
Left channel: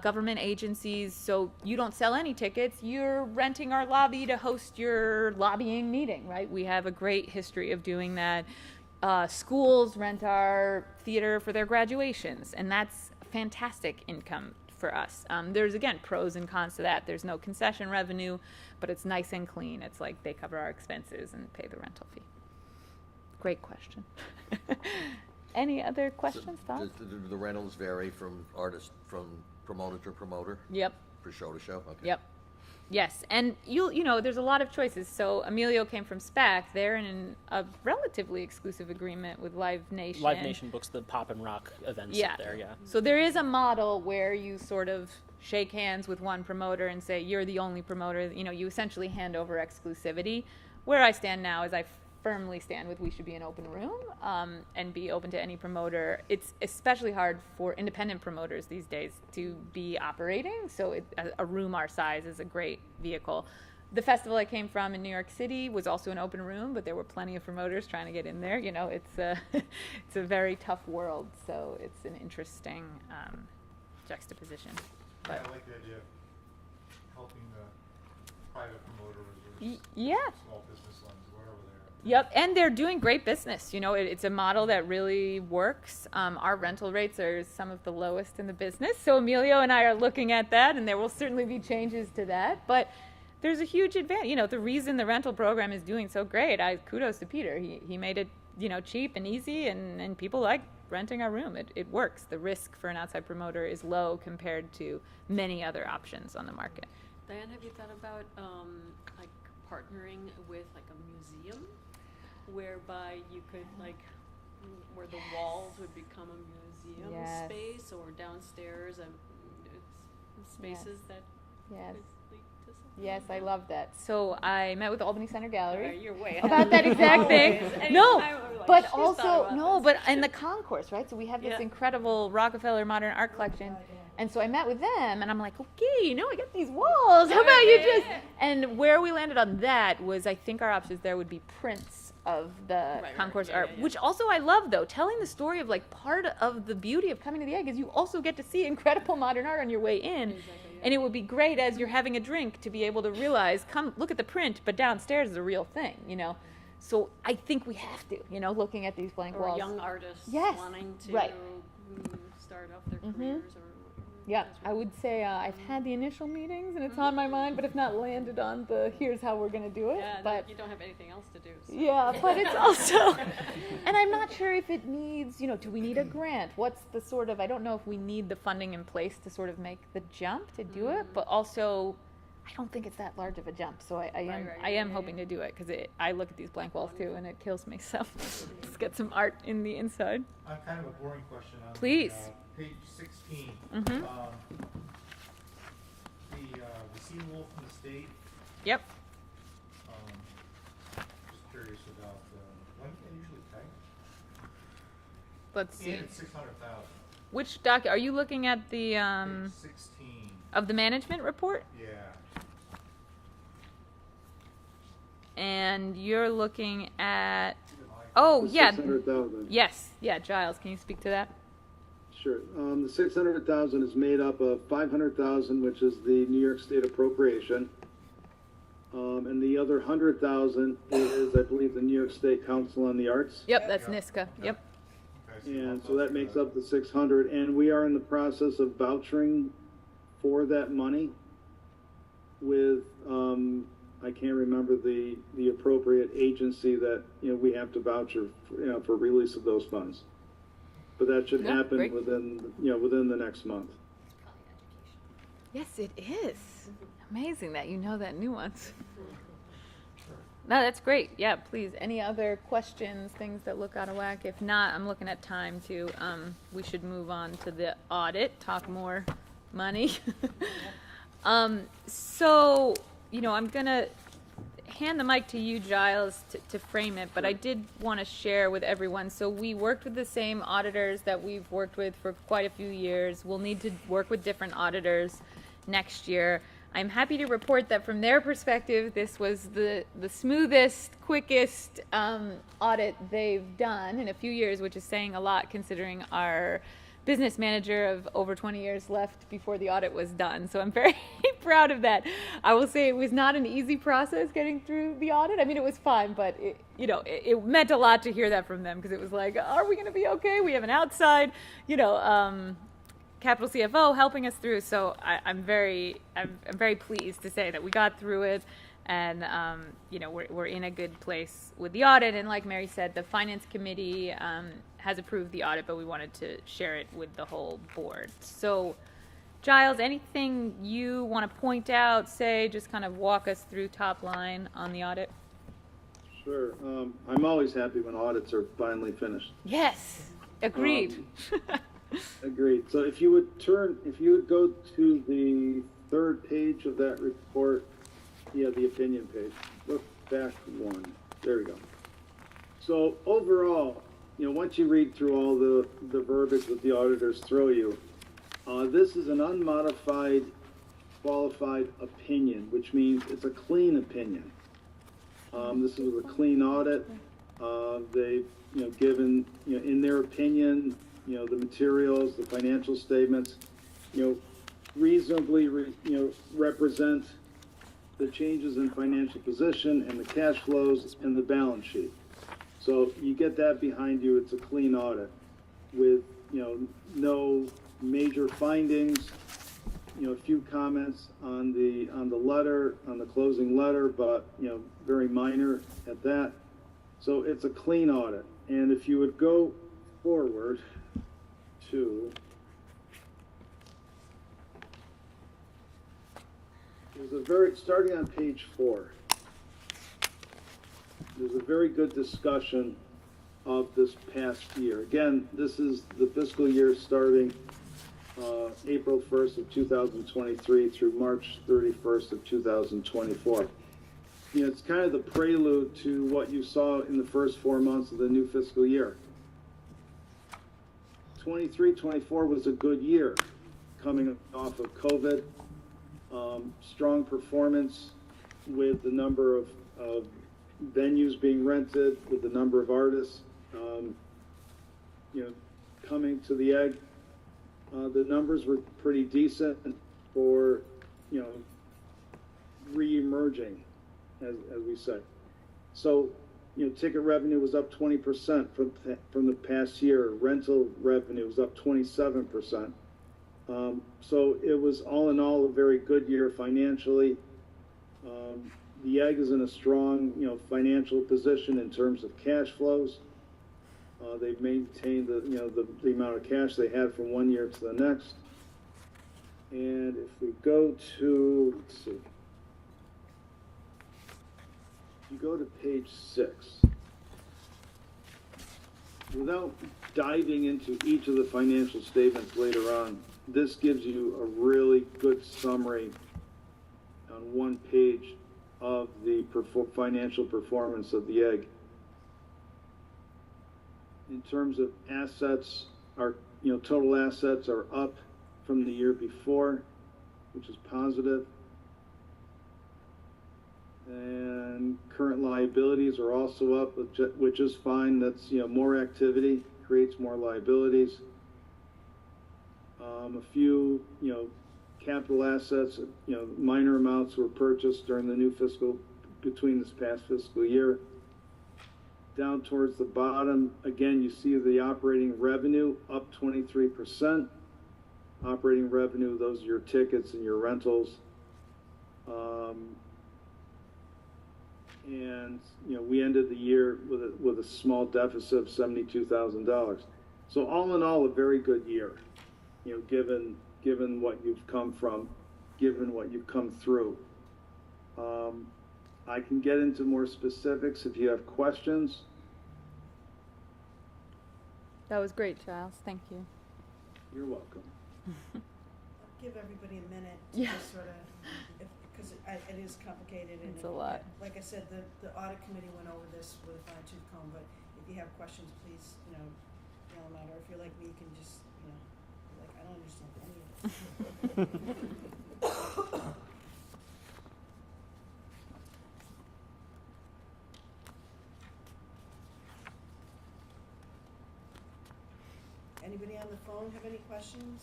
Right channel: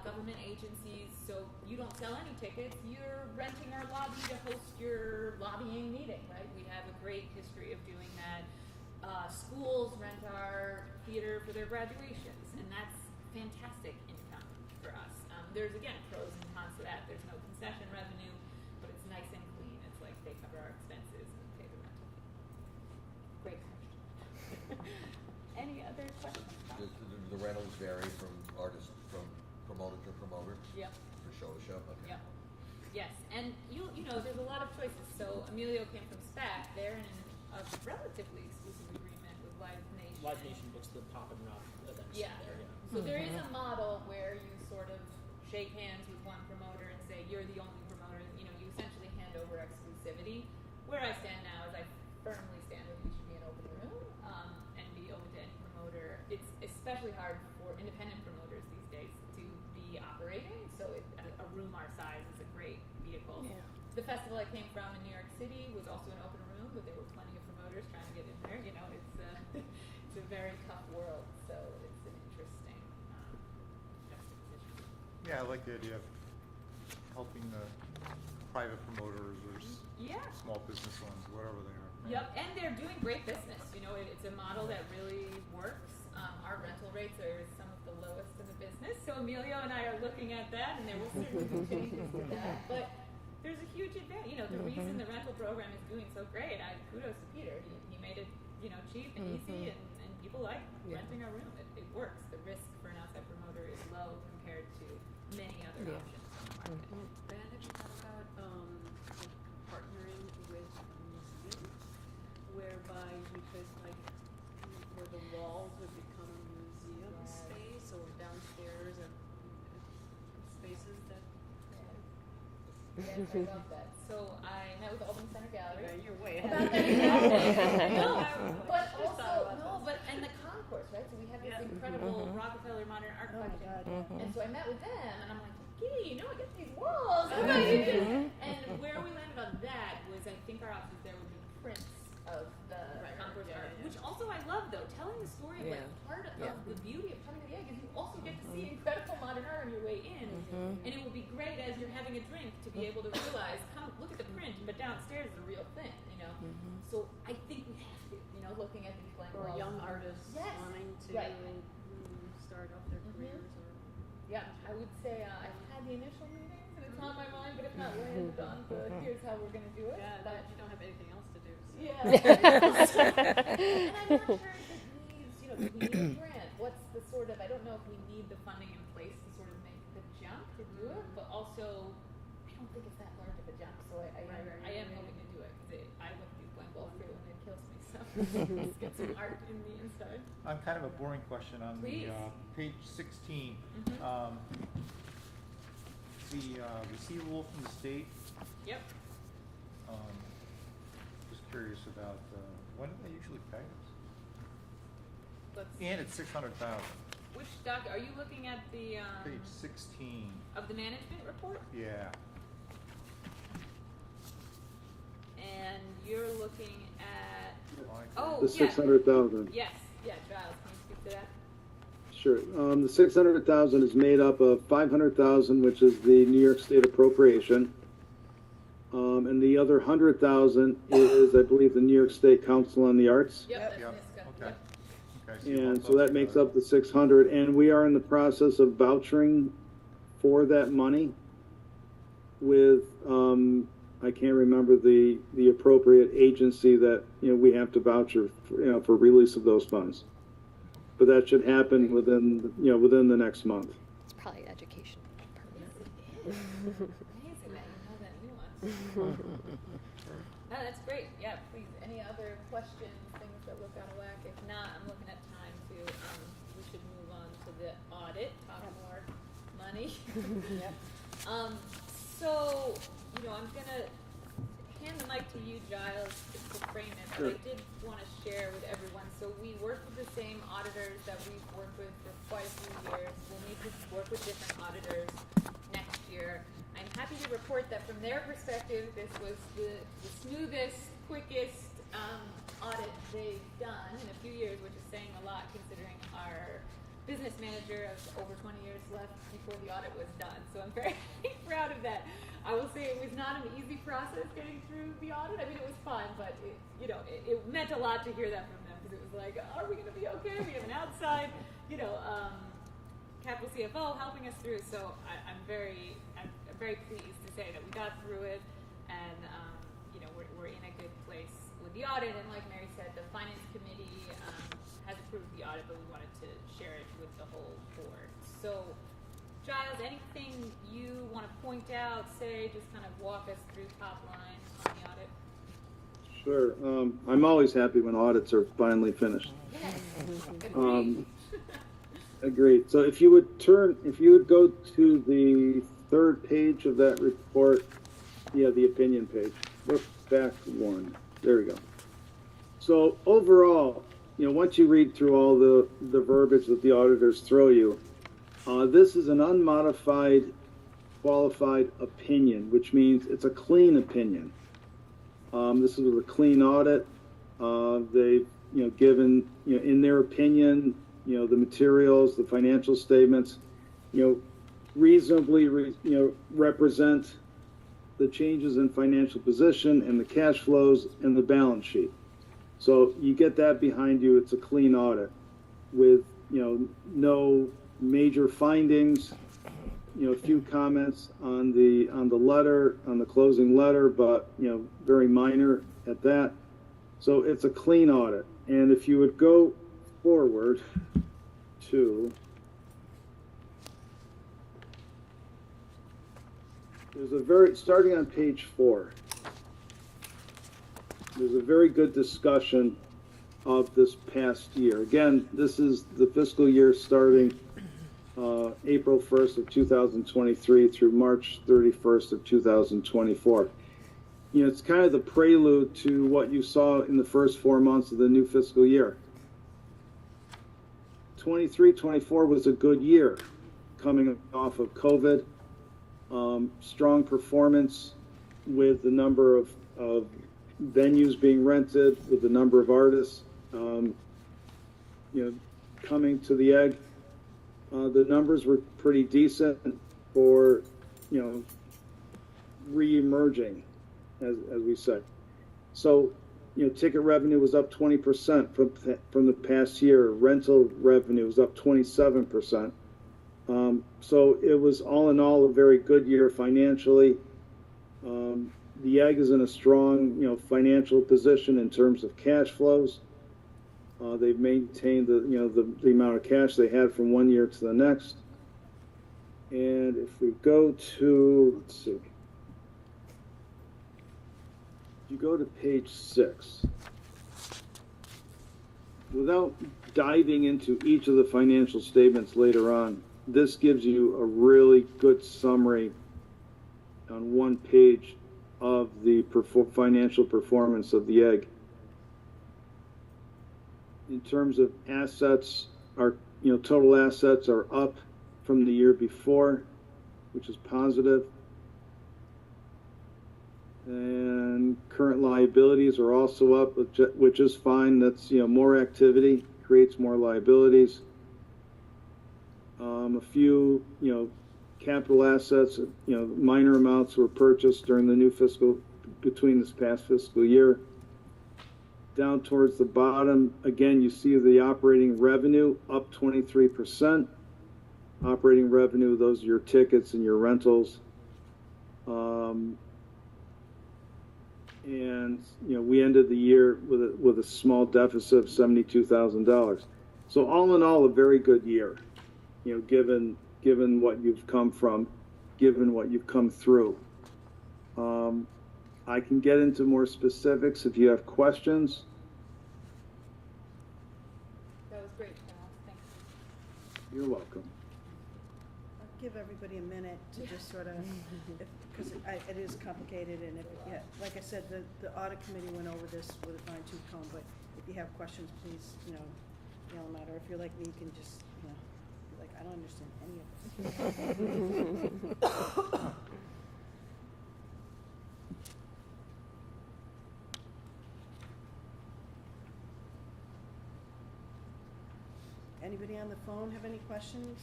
government agencies, so you don't sell any tickets, you're renting our lobby to host your lobbying meeting, right? We have a great history of doing that. Schools rent our theater for their graduations, and that's fantastic income for us. There's, again, pros and cons to that. There's no concession revenue, but it's nice and clean. It's like they cover our expenses and pay the rental fee. Great question. Any other questions, Bob? The rentals vary from artist, from promoter to promoter? Yep. For show to show? Okay. Yep. Yes, and you know, there's a lot of choices. So Emilio came from SPAC. They're in a relatively exclusive agreement with Live Nation. Live Nation books the pop and rock events up there, yeah. So there is a model where you sort of shake hands with one promoter and say, you're the only promoter. You know, you essentially hand over exclusivity. Where I stand now is I firmly stand with we should be an open room and be open to any promoter. It's especially hard for independent promoters these days to be operating, so a room our size is a great vehicle. The festival I came from in New York City was also an open room, but there were plenty of promoters trying to get in there. You know, it's a very tough world, so it's an interesting juxtaposition. Yeah, I like the idea of helping the private promoters or small business ones, whatever they are. Yep, and they're doing great business. You know, it's a model that really works. Our rental rates are some of the lowest in the business, so Emilio and I are looking at that, and there will certainly be changes to that. But there's a huge advantage. You know, the reason the rental program is doing so great, kudos to Peter. He made it, you know, cheap and easy, and people like renting our room. It works. The risk for an outside promoter is low compared to many other options on the market. Diane, have you thought about like partnering with like a museum, whereby you could where the walls would become a museum space, or downstairs and spaces that. Yes. Yes, I love that. So I met with Albany Center Gallery You're way about that exact thing. No, but also but in the concourse, right? So we have this incredible Rockefeller Modern Art Collection, and so I met with them, and I'm like, okay, you know, I got these walls. How about you just? And where we landed on that was, I think our options there would be prints of the concourse art, which also I love, though. Telling the story of part of the beauty of coming to the Egg is you also get to see incredible modern art on your way in, and it would be great as you're having a drink to be able to realize, come look at the print, but downstairs is a real thing, you know. So I think we have to, you know, looking at these blank walls. Or young artists wanting to start off their careers or. Yeah, I would say I've had the initial meetings and it's on my mind, but if not landed on the here's how we're going to do it. Yeah, but you don't have anything else to do. So. Yeah, but it's also, and I'm not sure if it needs, you know, do we need a grant? What's the sort of, I don't know if we need the funding in place to sort of make the jump to do it, but also I don't think it's that large of a jump, so I am hoping to do it, because I look at these blank walls too and it kills me, so let's get some art in the inside. I'm kind of a boring question on Please. Page 16. The receivable from the state. Yep. Just curious about when do they usually pay us? Let's see. And it's 600,000. Which doc? Are you looking at the Page 16. of the management report? Yeah. And you're looking at The 600,000. Yes, yeah, Giles, can you speak to that? Sure. The 600,000 is made up of 500,000, which is the New York State appropriation, and the other 100,000 is, I believe, the New York State Council on the Arts. Yep, that's NISCA. Okay. Yep. Okay, And so that makes up the 600, and we are in the process of vouchering for that money with, I can't remember the appropriate agency that, you know, we have to voucher for, you know, for release of those funds. But that should happen great. within the next month. It's probably education. Yes, it is. Amazing that you know that nuance. No, that's great. Yeah, please. Any other questions, things that look out of whack? If not, I'm looking at time too. We should move on to the audit, talk more money. So, I'm gonna hand the mic to you, Giles, to frame it, but I did want to share with everyone. So we worked with the same auditors that we've worked with for quite a few years. We'll need to work with different auditors next year. I'm happy to report that from their perspective, this was the smoothest, quickest audit they've done in a few years, which is saying a lot considering our business manager of over 20 years left before the audit was done. So I'm very proud of that. I will say it was not an easy process getting through the audit. I mean, it was fun, but it meant a lot to hear that from them, because it was like, are we going to be okay? We have an outside, capital CFO helping us through. So I'm very pleased to say that we got through it, and we're in a good place with the audit. And like Mary said, the finance committee has approved the audit, but we wanted to share it with the whole board. So, Giles, anything you want to point out, say, just kind of walk us through top line on the audit? Sure. I'm always happy when audits are finally finished. Yes, agreed. Agreed. So if you would go to the third page of that report, the opinion page. Look back one. There we go. So overall, once you read through all the verbiage that the auditors throw you, this is an unmodified, qualified opinion, which means it's a clean opinion. This is a clean audit. They've, given, in their opinion, the materials, the financial statements, reasonably, represent the changes in financial position and the cash flows and the balance sheet. So you get that behind you. It's a clean audit with, no major findings, a few comments on the letter, on the closing letter, but, very minor at that. So it's a clean audit. And if you would go forward to, starting on page 4, there's a very good discussion of this past year. Again, this is the fiscal year starting April 1st of 2023 through March 31st of 2024. It's kind of the prelude to what you saw in the first 4 months of the new fiscal year. 23-24 was a good year coming off of COVID. Strong performance with the number of venues being rented, with the number of artists, coming to the Egg. The numbers were pretty decent for, re-emerging, as we say. So, ticket revenue was up 20% from the past year. Rental revenue was up 27%. So it was all in all a very good year financially. The Egg is in a strong, financial position in terms of cash flows. They've maintained the amount of cash they had from one year to the next. And if we go to, let's see, if you go to page 6, without diving into each of the financial statements later on, this gives you a really good summary on one page of the financial performance of the Egg. In terms of assets, our total assets are up from the year before, which is positive. And current liabilities are also up, which is fine. That's more activity creates more liabilities. A few capital assets, minor amounts were purchased during the between this past fiscal year. Down towards the bottom, again, you see the operating revenue up 23%. Operating revenue, those are your tickets and your rentals. And we ended the year with a small deficit of $72,000. So all in all, a very good year. Given what you've come from, given what you've come through. I can get into more specifics if you have questions. That was great, Giles. Thank you. You're welcome. give everybody a minute to Yeah. just sort of, because it is complicated and It's a lot. like I said, the audit committee went over this with a fine tooth comb, but if you have questions, please, throw them out, or if you're like me, you can just, be like, I don't understand any of it. Anybody on the phone have any questions?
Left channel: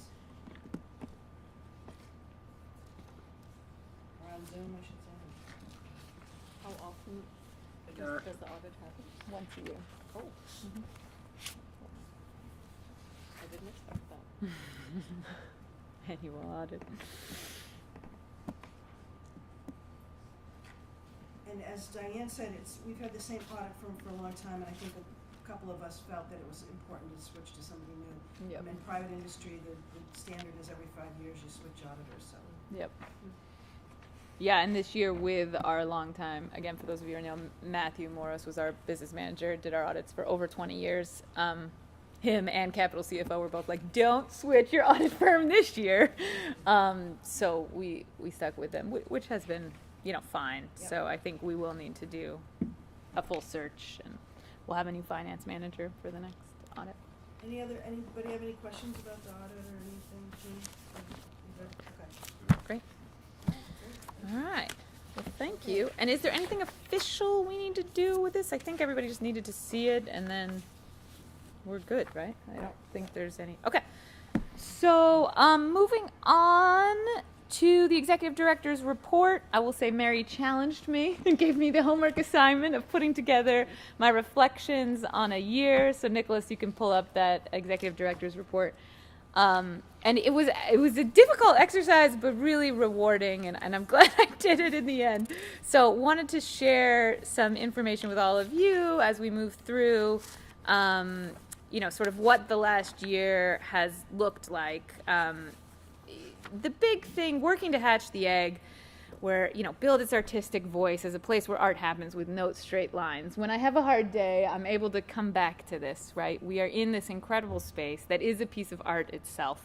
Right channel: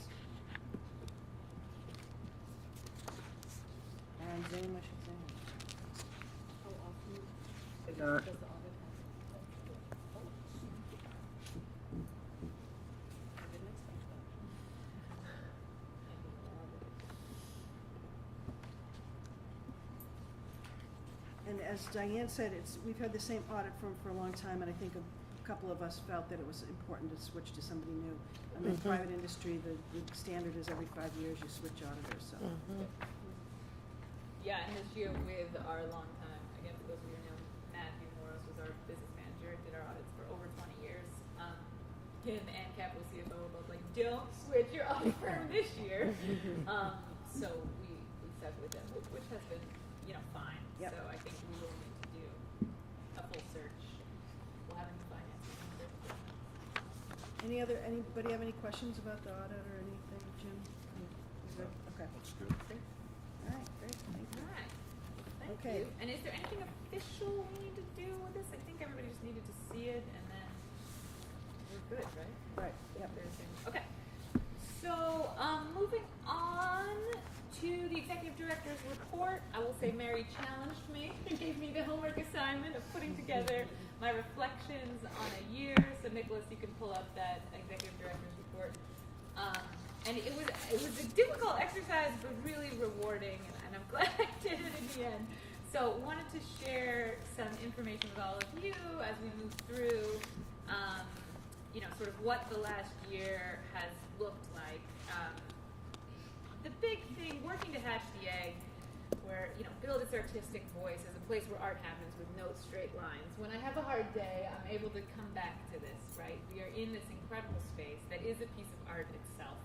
On Zoom, I should say. How often does the audit happen? Once a year. Oh. I didn't expect that. Annual audit. And as Diane said, we've had the same audit firm for a long time, and I think a couple of us felt that it was important to switch to somebody new. Yep. In private industry, the standard is every 5 years you switch auditors, so. Yep. Yeah, and this year with our long time, again, for those of you who know, Matthew Moros was our business manager, did our audits for over 20 years. Him and Capital CFO were both like, don't switch your audit firm this year. So we stuck with them, which has been, fine. Yep. So I think we will need to do a full search, and we'll have a new finance manager for the next audit. Anybody have any questions about the audit or anything, Jim? Okay. Great. All right, great. All right. Well, thank Okay. you. And is there anything official we need to do with this? I think everybody just needed to see it, and then we're good, right? I don't think there's any. Okay. So, moving on to the executive director's report, I will say Mary challenged me and gave me the homework assignment of putting together my reflections on a year. So, Nicholas, you can pull up that executive director's report. And it was a difficult exercise, but really rewarding, and I'm glad I did it in the end. So, wanted to share some information with all of you as we move through. Sort of what the last year has looked like. The big thing, working to hatch the egg, where, build its artistic voice as a place where art happens with no straight lines. When I have a hard day, I'm able to come back to this, right? We are in this incredible space that is a piece of art itself.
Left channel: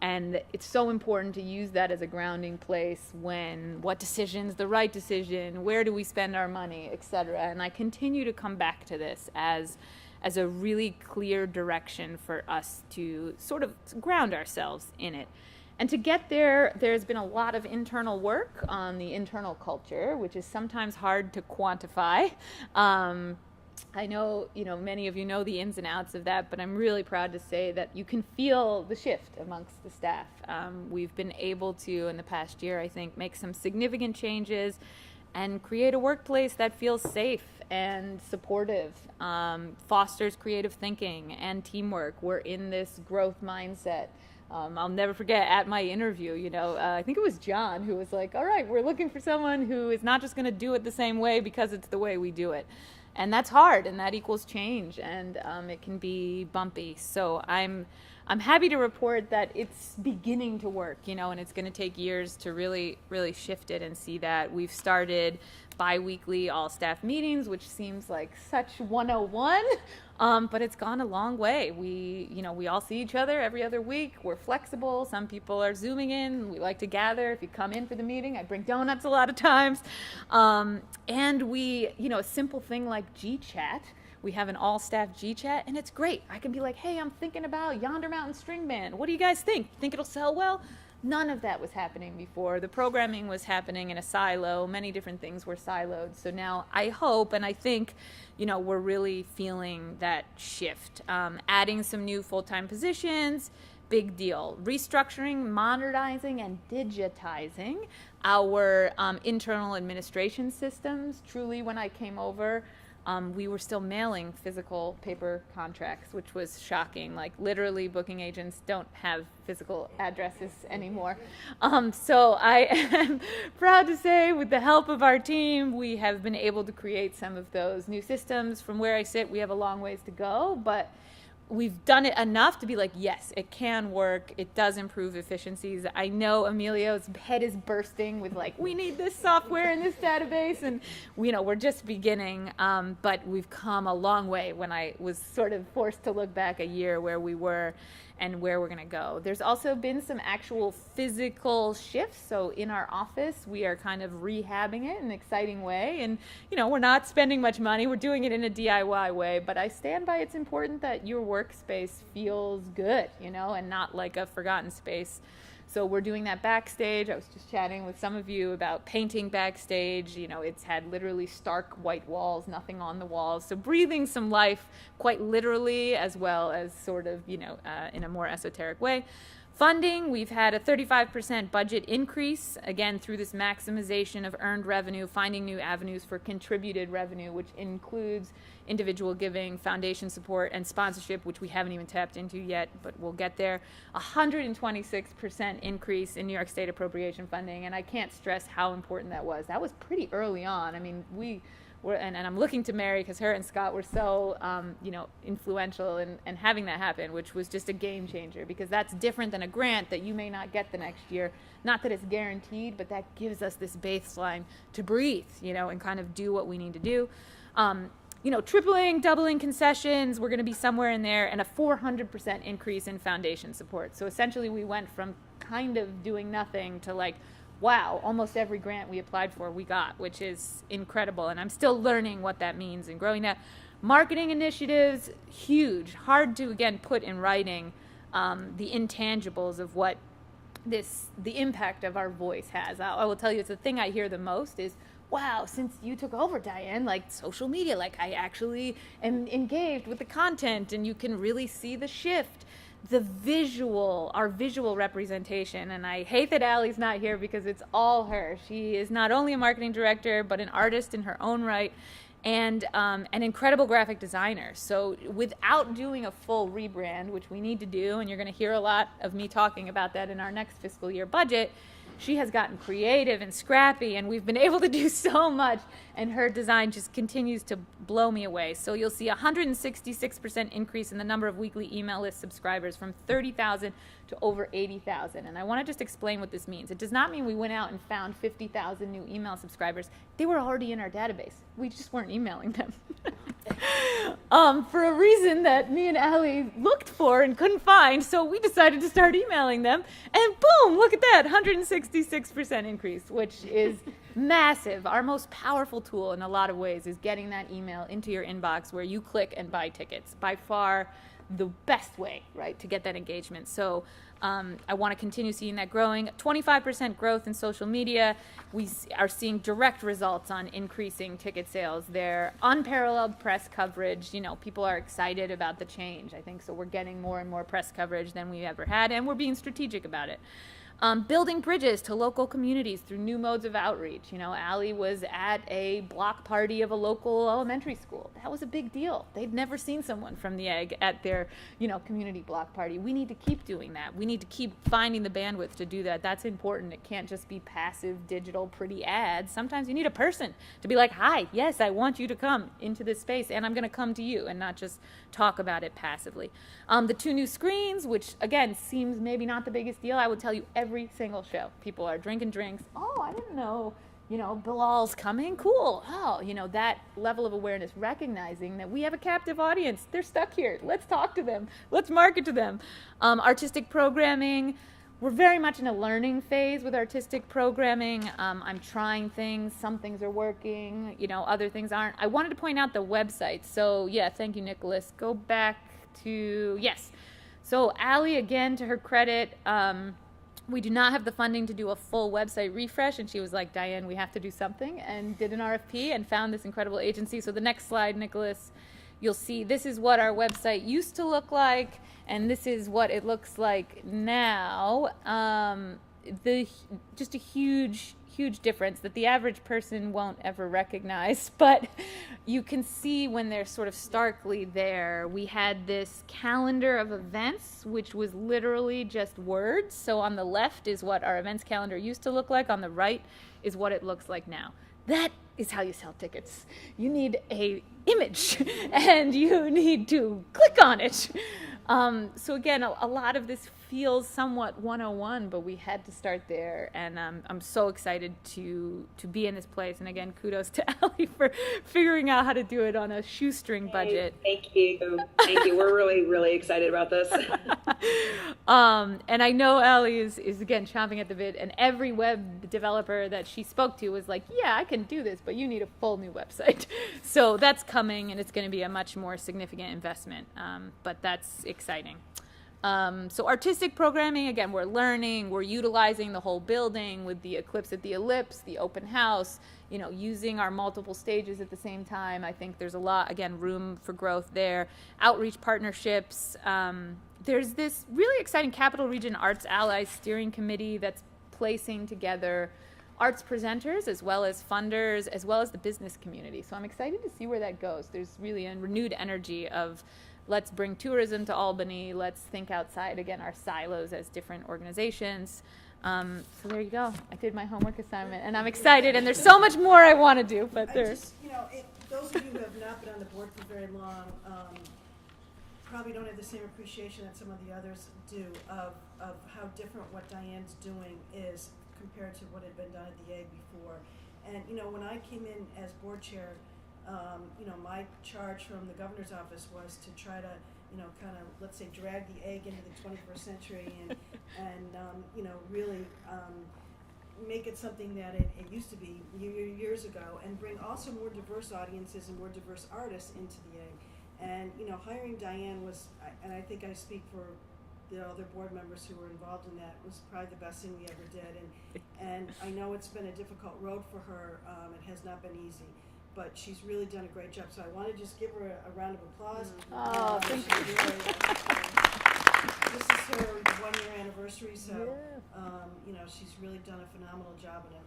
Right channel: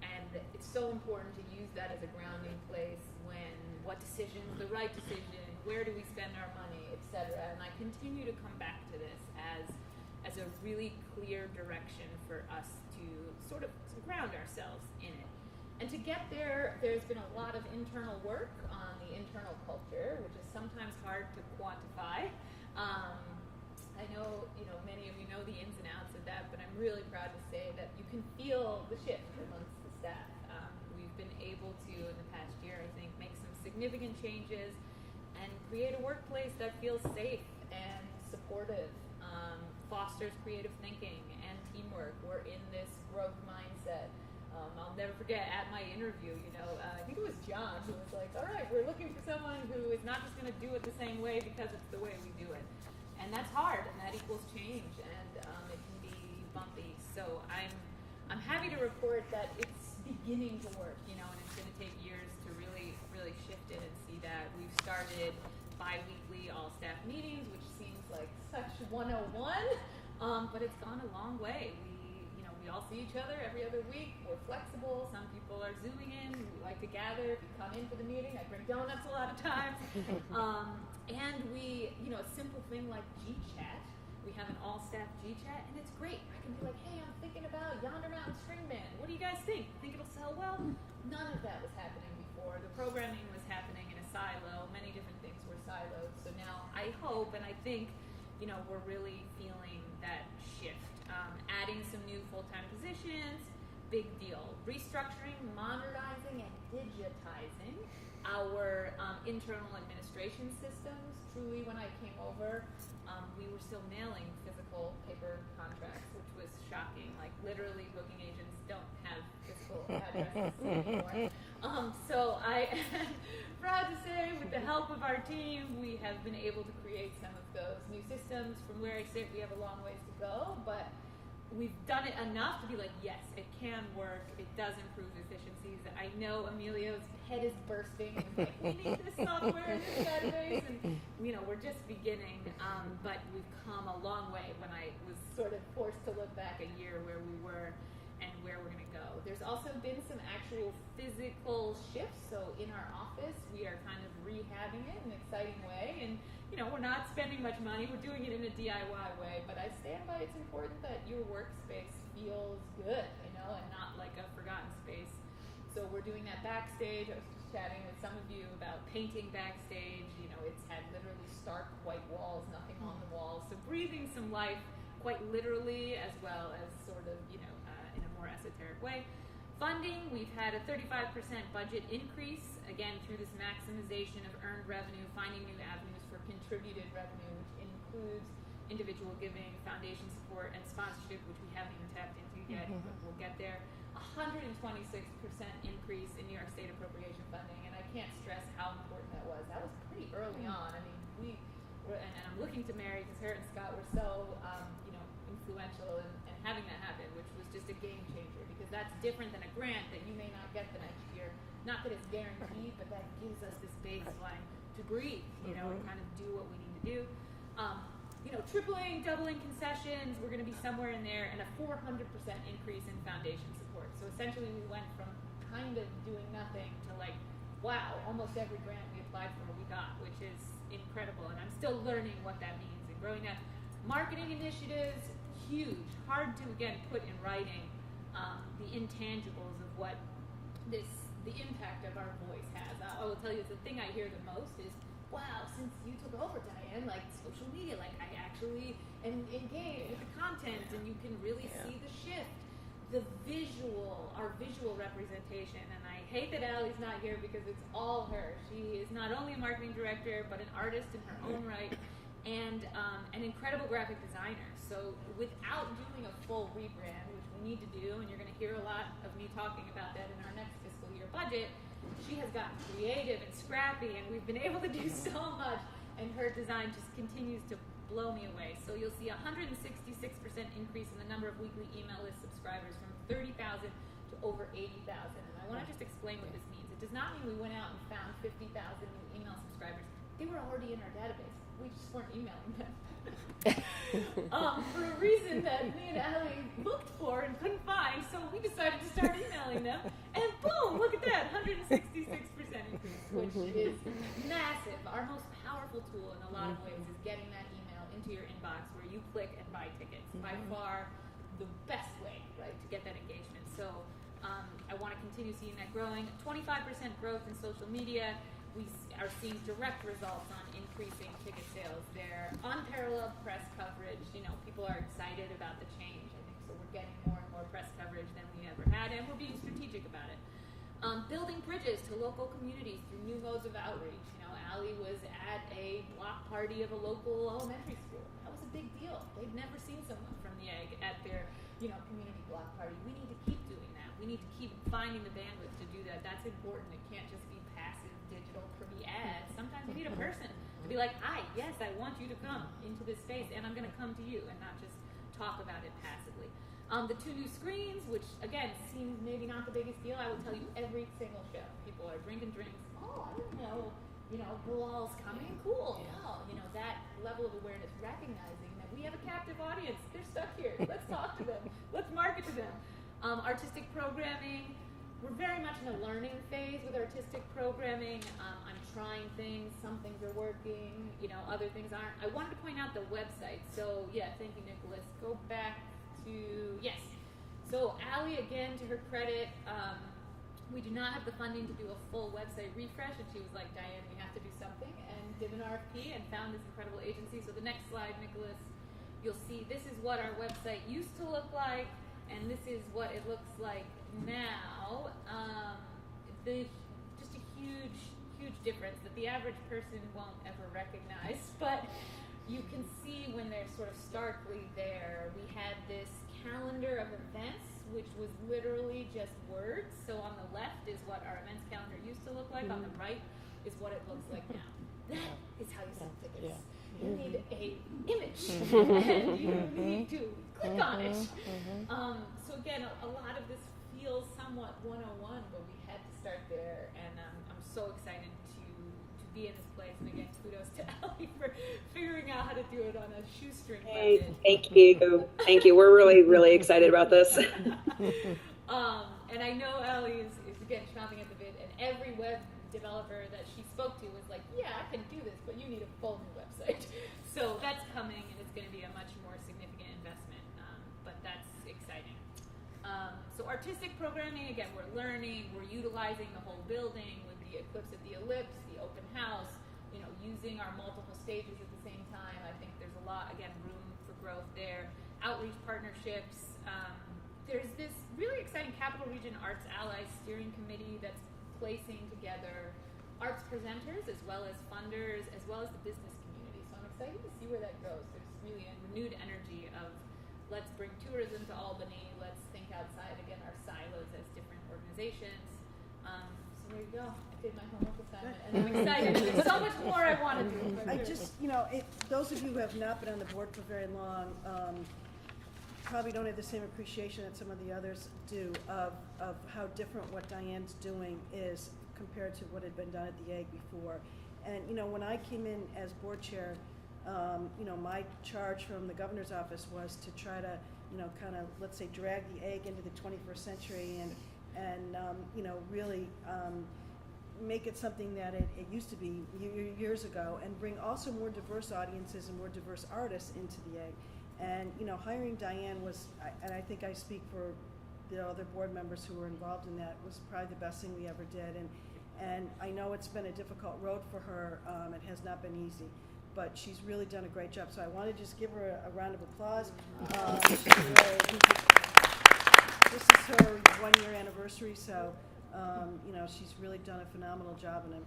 And it's so important to use that as a grounding place what decision's the right decision, where do we spend our money, etc. And I continue to come back to this as a really clear direction for us to sort of ground ourselves in it. And to get there, there's been a lot of internal work on the internal culture, which is sometimes hard to quantify. I know, many of you know the ins and outs of that, but I'm really proud to say that you can feel the shift amongst the staff. We've been able to, in the past year, I think, make some significant changes and create a workplace that feels safe and supportive, fosters creative thinking and teamwork. We're in this growth mindset. I'll never forget at my interview, I think it was John who was like, all right, we're looking for someone who is not just going to do it the same way because it's the way we do it. And that's hard, and that equals change, and it can be bumpy. So I'm happy to report that it's beginning to work, and it's going to take years to really, really shift it and see that. We've started bi-weekly all-staff meetings, which seems like such 101, but it's gone a long way. We all see each other every other week. We're flexible. Some people are Zooming in. We like to gather. If you come in for the meeting, I bring donuts a lot of times. And we, a simple thing like G-Chat, we have an all-staff G-Chat, and it's great. I can be like, hey, I'm thinking about Yonder Mountain String Band. What do you guys think? Think it'll sell well? None of that was happening before. The programming was happening in a silo. Many different things were siloed. So now I hope, and I think, we're really feeling that shift. Adding some new full-time positions, big deal. Restructuring, modernizing, and digitizing our internal administration systems. Truly, when I came over, we were still mailing physical paper contracts, which was shocking. Like, literally, booking agents don't have physical addresses anymore. So I am proud to say, with the help of our team, we have been able to create some of those new systems. From where I sit, we have a long ways to go, but we've done it enough to be like, yes, it can work. It does improve efficiencies. I know Emilio's head is bursting with like, we need this software in this database, and we're just beginning. But we've come a long way. When I was sort of forced to look back a year where we were, and where we're going to go. There's also been some actual physical shifts. So in our office, we are kind of rehabbing it in an exciting way. And, you know, we're not spending much money. We're doing it in a DIY way. But I stand by it's important that your workspace feels good, you know, and not like a forgotten space. So we're doing that backstage. I was just chatting with some of you about painting backstage. You know, it's had literally stark white walls, nothing on the walls. So breathing some life quite literally as well as sort of, you know, in a more esoteric way. Funding, we've had a 35% budget increase, again, through this maximization of earned revenue, finding new avenues for contributed revenue, which includes individual giving, foundation support, and sponsorship, which we haven't even tapped into yet, but we'll get there. 126% increase in New York State appropriation funding, and I can't stress how important that was. That was pretty early on. I mean, and I'm looking to Mary because her and Scott were so, you know, influential in having that happen, which was just a game changer, because that's different than a grant that you may not get the next year. Not that it's guaranteed, but that gives us this baseline to breathe, you know, and kind of do what we need to do. You know, tripling, doubling concessions, we're going to be somewhere in there, and a 400% increase in foundation support. So essentially we went from kind of doing nothing to like, wow, almost every grant we applied for we got, which is incredible. And I'm still learning what that means and growing that. Marketing initiatives, huge. Hard to, again, put in writing the intangibles of what the impact of our voice has. I will tell you, it's the thing I hear the most is, wow, since you took over, Diane, like social media, like I actually am engaged with the content, and you can really see the shift. Our visual representation, and I hate that Allie's not here because it's all her. She is not only a marketing director, but an artist in her own right, and an incredible graphic designer. So without doing a full rebrand, which we need to do, and you're going to hear a lot of me talking about that in our next fiscal year budget, she has gotten creative and scrappy, and we've been able to do so much, and her design just continues to blow me away. So you'll see a 166% increase in the number of weekly email list subscribers from 30,000 to over 80,000. And I want to just explain what this means. It does not mean we went out and found 50,000 new email subscribers. They were already in our database. We just weren't emailing them. For a reason that me and Allie looked for and couldn't find, so we decided to start emailing them, and boom, look at that, 166% increase, which is massive. Our most powerful tool in a lot of ways is getting that email into your inbox where you click and buy tickets. By far the best way, right, to get that engagement. So I want to continue seeing that growing. 25% growth in social media. We are seeing direct results on increasing ticket sales. They're unparalleled press coverage. You know, people are excited about the change, I think. So we're getting more and more press coverage than we ever had, and we're being strategic about it. Building bridges to local communities through new modes of outreach. You know, Allie was at a block party of a local elementary school. That was a big deal. They'd never seen someone from the Egg at their, you know, community block party. We need to keep doing that. We need to keep finding the bandwidth to do that. That's important. It can't just be passive, digital, pretty ads. Sometimes you need a person to be like, hi, yes, I want you to come into this space, and I'm going to come to you, and not just talk about it passively. The 2 new screens, which again seems maybe not the biggest deal. I would tell you every single show, people are drinking drinks. Oh, I didn't know, you know, Bilal's coming. Cool. Oh, you know, that level of awareness, recognizing that we have a captive audience. They're stuck here. Let's talk to them. Let's market to them. Artistic programming. We're very much in a learning phase with artistic programming. I'm trying things. Some things are working, you know, other things aren't. I wanted to point out the website. So yeah, thank you, Nicholas. Go back to, yes. So Allie, again, to her credit, we do not have the funding to do a full website refresh, and she was like, Diane, we have to do something, and did an RFP and found this incredible agency. So the next slide, Nicholas, you'll see this is what our website used to look like, and this is what it looks like now. Just a huge difference that the average person won't ever recognize, but you can see when they're sort of starkly there. We had this calendar of events, which was literally just words. So on the left is what our events calendar used to look like. On the right is what it looks like now. That is how you sell tickets. Yeah. You need a image, and you need to click on it. So again, a lot of this feels somewhat 101, but we had to start there, and I'm so excited to be in this place. And again, kudos to Ellie for figuring out how to do it on a shoestring budget. Thank you. We're really, really excited about this. And I know Ellie is again chomping at the bit, and every web developer that she spoke to was like, yeah, I can do this, but you need a full new website. So that's coming, and it's going to be a much more significant investment, but that's exciting. So artistic programming, again, we're learning, we're utilizing the whole building with the Eclipse at the Ellipse, the open house, you know, using our multiple stages at the same time. I think there's a lot, again, room for growth there. Outreach partnerships. There's this really exciting Capital Region Arts Allies Steering Committee that's placing together arts presenters as well as funders as well as the business community. So I'm excited to see where that goes. There's really a renewed energy of let's bring tourism to Albany. Let's think outside, again, our silos as different organizations. So there you go. I did my homework assignment, and I'm excited, and there's so much more I want to do. But those of you who have not been on the board for very long probably don't have the same appreciation that some of the others do of how different what Diane's doing is compared to what had been done at the Egg before. And, you know, when I came in as board chair, you know, my charge from the governor's office was to try to, you know, kind of, let's say, drag the Egg into the 21st century and you know, really make it something that it used to be years ago, and bring also more diverse audiences and more diverse artists into the Egg. And, you know, hiring Diane was, and I think I speak for the other board members who were involved in that, was probably the best thing we ever did. And I know it's been a difficult road for her. It has not been easy, but she's really done a great job. So I want to just give her a round of applause. This is her 1-year anniversary, so you know, she's really done a phenomenal job, and I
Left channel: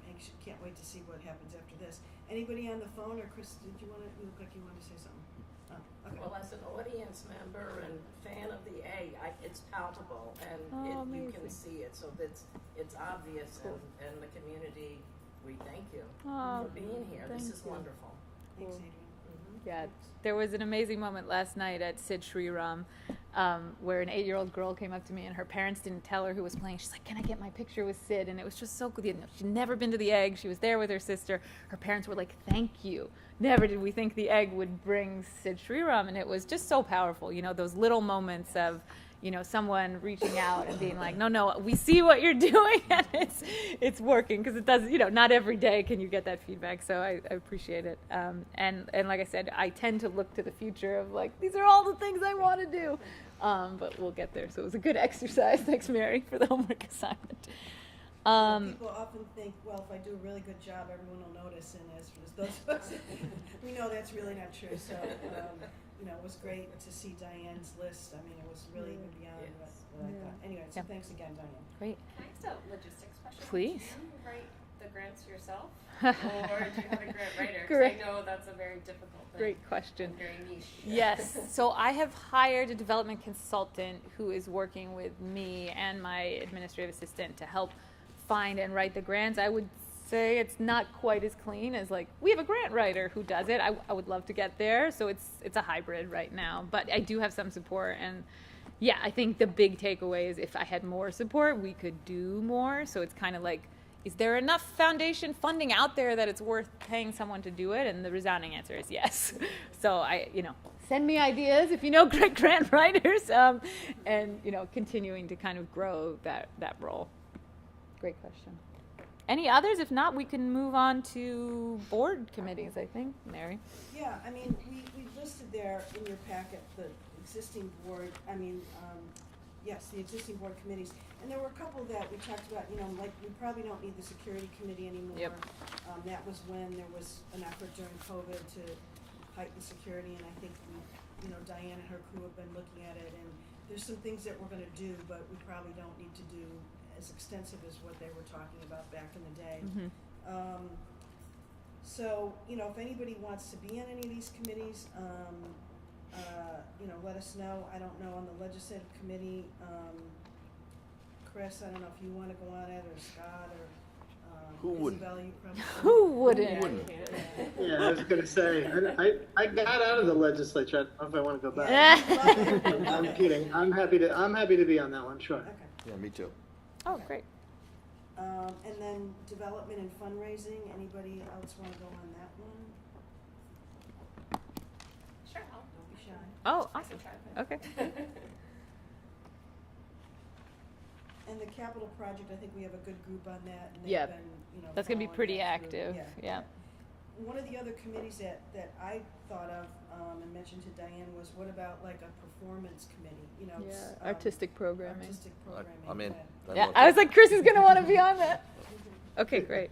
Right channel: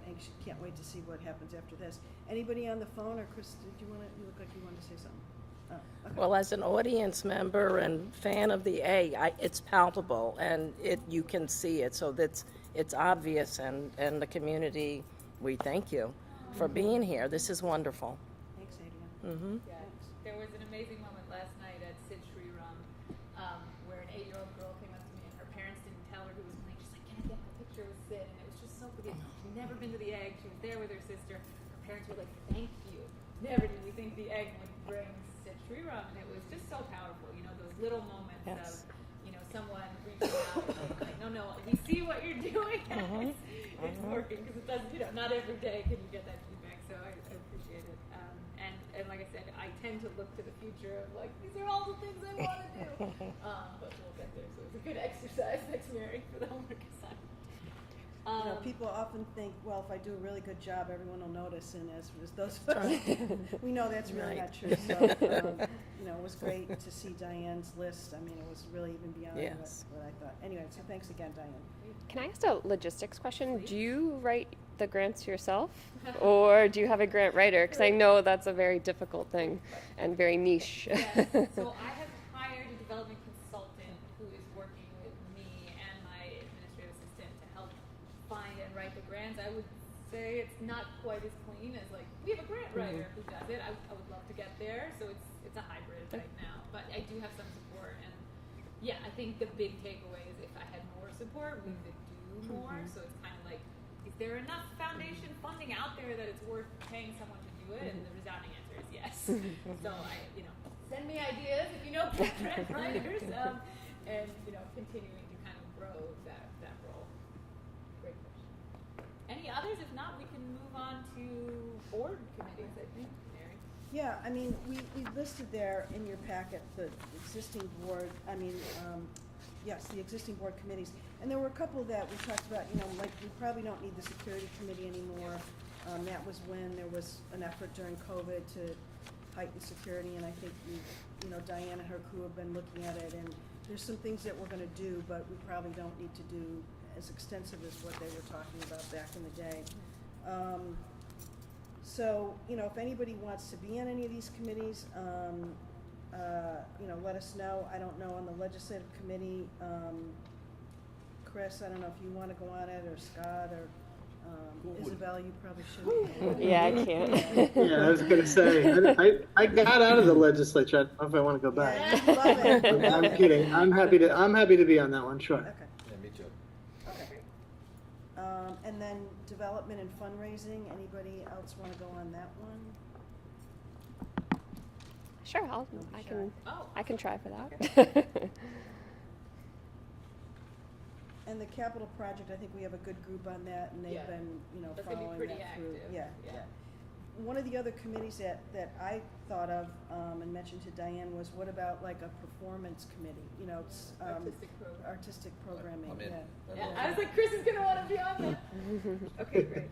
can't wait to see what happens after this. Anybody on the phone, or Chris, did you want to? You look like you wanted to say something. Oh, okay. Well, as an audience member and fan of the Egg, it's palpable, and you can see it, so it's obvious, and the community, we thank you for being here. This is wonderful. Thanks, Adrian. Mm-hmm. yeah, there was an amazing moment last night at Sid Shri Ram, where an 8-year-old girl came up to me, and her parents didn't tell her who was playing. She's like, "Can I get my picture with Sid?" And it was just so good. She'd never been to the Egg. She was there with her sister. Her parents were like, "Thank you. Never did we think the Egg would bring Sid Shri Ram," and it was just so powerful. You know, those little moments of, you know, someone reaching out and being like, no, we see what you're doing, and it's working, because it doesn't, you know, not every day can you get that feedback. So I appreciate it. And like I said, I tend to look to the future of like, these are all the things I want to do. But we'll get there. So it was a good exercise. Thanks, Mary, for the homework assignment. You know, people often think, well, if I do a really good job, everyone will notice, and as those folks, we know that's really not true. So, you know, it was great to see Diane's list. I mean, it was really even beyond what I thought. Anyway, so thanks again, Diane. Great. Can I ask a logistics question? Please. Do you write the grants yourself, or do you have a grant writer? Because I know that's a very difficult thing. Great question. And very niche. Yes. So I have hired a development consultant who is working with me and my administrative assistant to help find and write the grants. I would say it's not quite as clean as like we have a grant writer who does it. I would love to get there, so it's a hybrid right now, but I do have some support. And yeah, I think the big takeaway is if I had more support, we could do more. So it's kind of like, is there enough foundation funding out there that it's worth paying someone to do it? And the resounding answer is yes. So send me ideas if you know great grant writers, and continuing to kind of grow that role. Great question. Any others? If not, we can move on to board committees, I think. Mary? Yeah, I mean, we listed there in your packet the existing board, the existing board committees. And there were a couple that we talked about, like we probably don't need the security committee anymore. Yep. That was when there was an effort during COVID to heighten security, and I think Diane and her crew have been looking at it, and there's some things that we're gonna do, but we probably don't need to do as extensive as what they were talking about back in the day. Mm-hmm. So, if anybody wants to be on any of these committees, let us know. I don't know, on the legislative committee, Chris, I don't know if you want to go on it, or Scott, or Isabel, you probably should. Who wouldn't? Yeah, I can't. Yeah, I was going to say, I got out of the legislature. I don't know if I want to go back. I'm kidding. I'm happy to be on that one. Sure. Okay. Yeah, me too. Oh, great. And then development and fundraising, anybody else wanna go on that one? Sure, I Sure. can. Oh, I can try for that. Okay. And the capital project, I think we have a good group on that, and they've Yep. been, That's gonna be following pretty that through. active, yeah. One of the other committees that I thought of, and mentioned to Diane was, what about like a performance committee, it's, Artistic programming. artistic programming, I'm in. yeah. I'd Yeah, love I to. was like, Chris is gonna wanna be on that. Okay, great.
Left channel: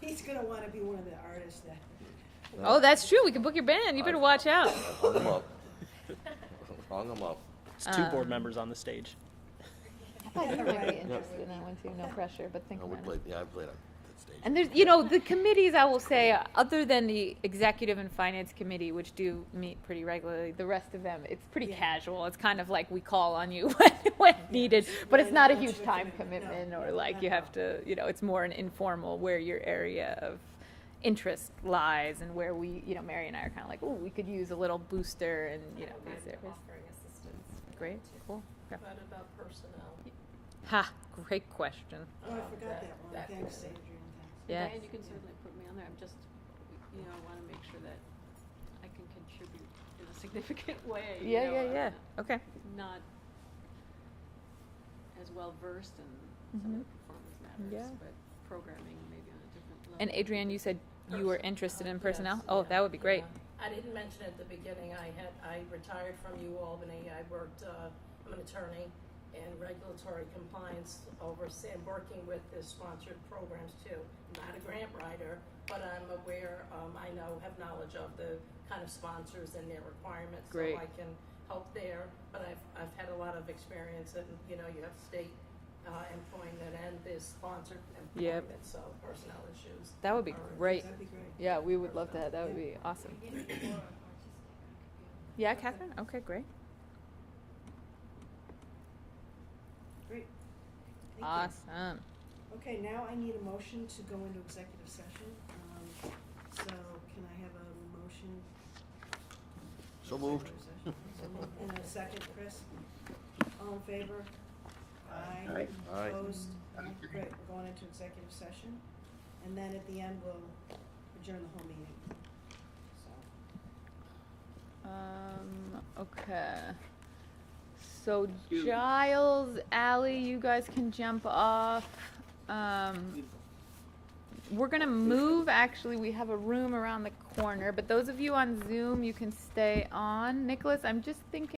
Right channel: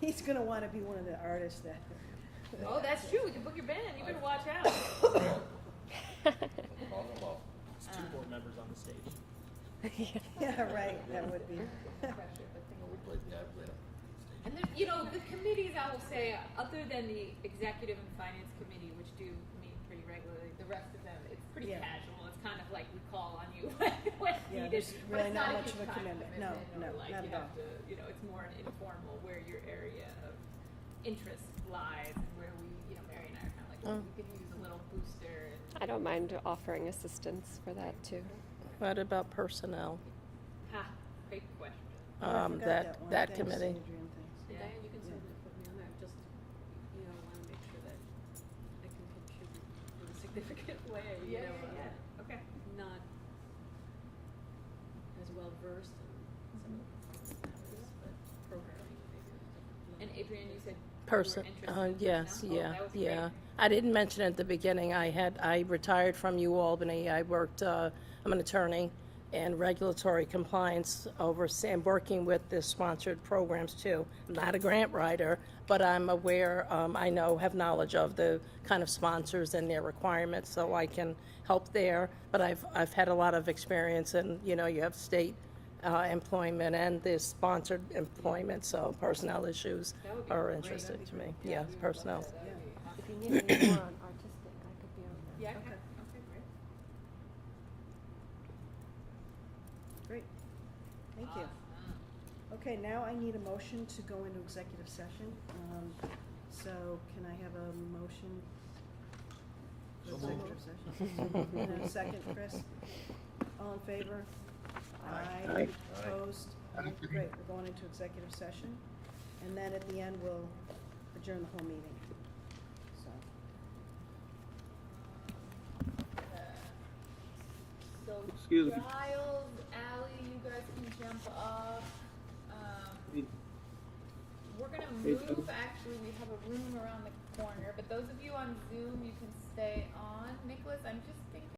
He's gonna wanna be one of the artists that, Oh, that's true. We can book your band. You better watch out. Hung 'em up. Hung 'em up. It's two board members on the stage. yeah, right, that would be. No pressure, but think No, we played, yeah, I played on that stage. And there's, the committees, I will say, other than the executive and finance committee, which do meet pretty regularly, the rest of them, it's pretty Yeah. casual. It's kind of like we call on you when needed, but yeah, it's not a much huge of a time commitment. commitment, No, or no, like not you at have to, it's more an informal where your area of interest lies and where we, Mary and I are kind of like, oh, we could use a little booster. And I don't mind this- offering assistance for that Great. too. What about personnel? Ha, great question. Oh, I forgot That one. that Thanks, committee. Adrian, thanks. Yeah. Diane, you can certainly put me on there. I'm just, want to make sure that I can contribute in a significant way. Yeah. Okay. Not as well versed in some of the performance matters, Yeah. but programming maybe on a different level. And Adrienne, you said you were interested in Yes, personnel? Oh, yeah, that would be great. yeah. I didn't mention at the beginning, I retired from UAlbany. I worked, I'm an attorney and regulatory compliance overseeing, working with the sponsored programs too. I'm not a grant writer, but I'm aware, have knowledge of the kind of sponsors and their requirements, so Great. I can help there. But I've had a lot of experience and, you have state employment and the sponsored employment, so personnel issues That would be are great. interested to me. Yeah, we would personnel. love that. That would be awesome. If you need any more on artistic, I could be on. Yeah, Catherine? Okay, great. Great. Thank you. Awesome. Okay, now I need a motion to go into executive session. So can I have a motion? So moved. So moved. And a second, Chris? All in favor? Aye. Aye. Opposed? Great, we're going into executive session. And then at the end, we'll adjourn the whole meeting. So, Okay. So Excuse me. Giles, Ally, you guys can jump off. We're gonna move, actually, we have a room around the corner, but those of you on Zoom, you can stay on. Nicholas, I'm just thinking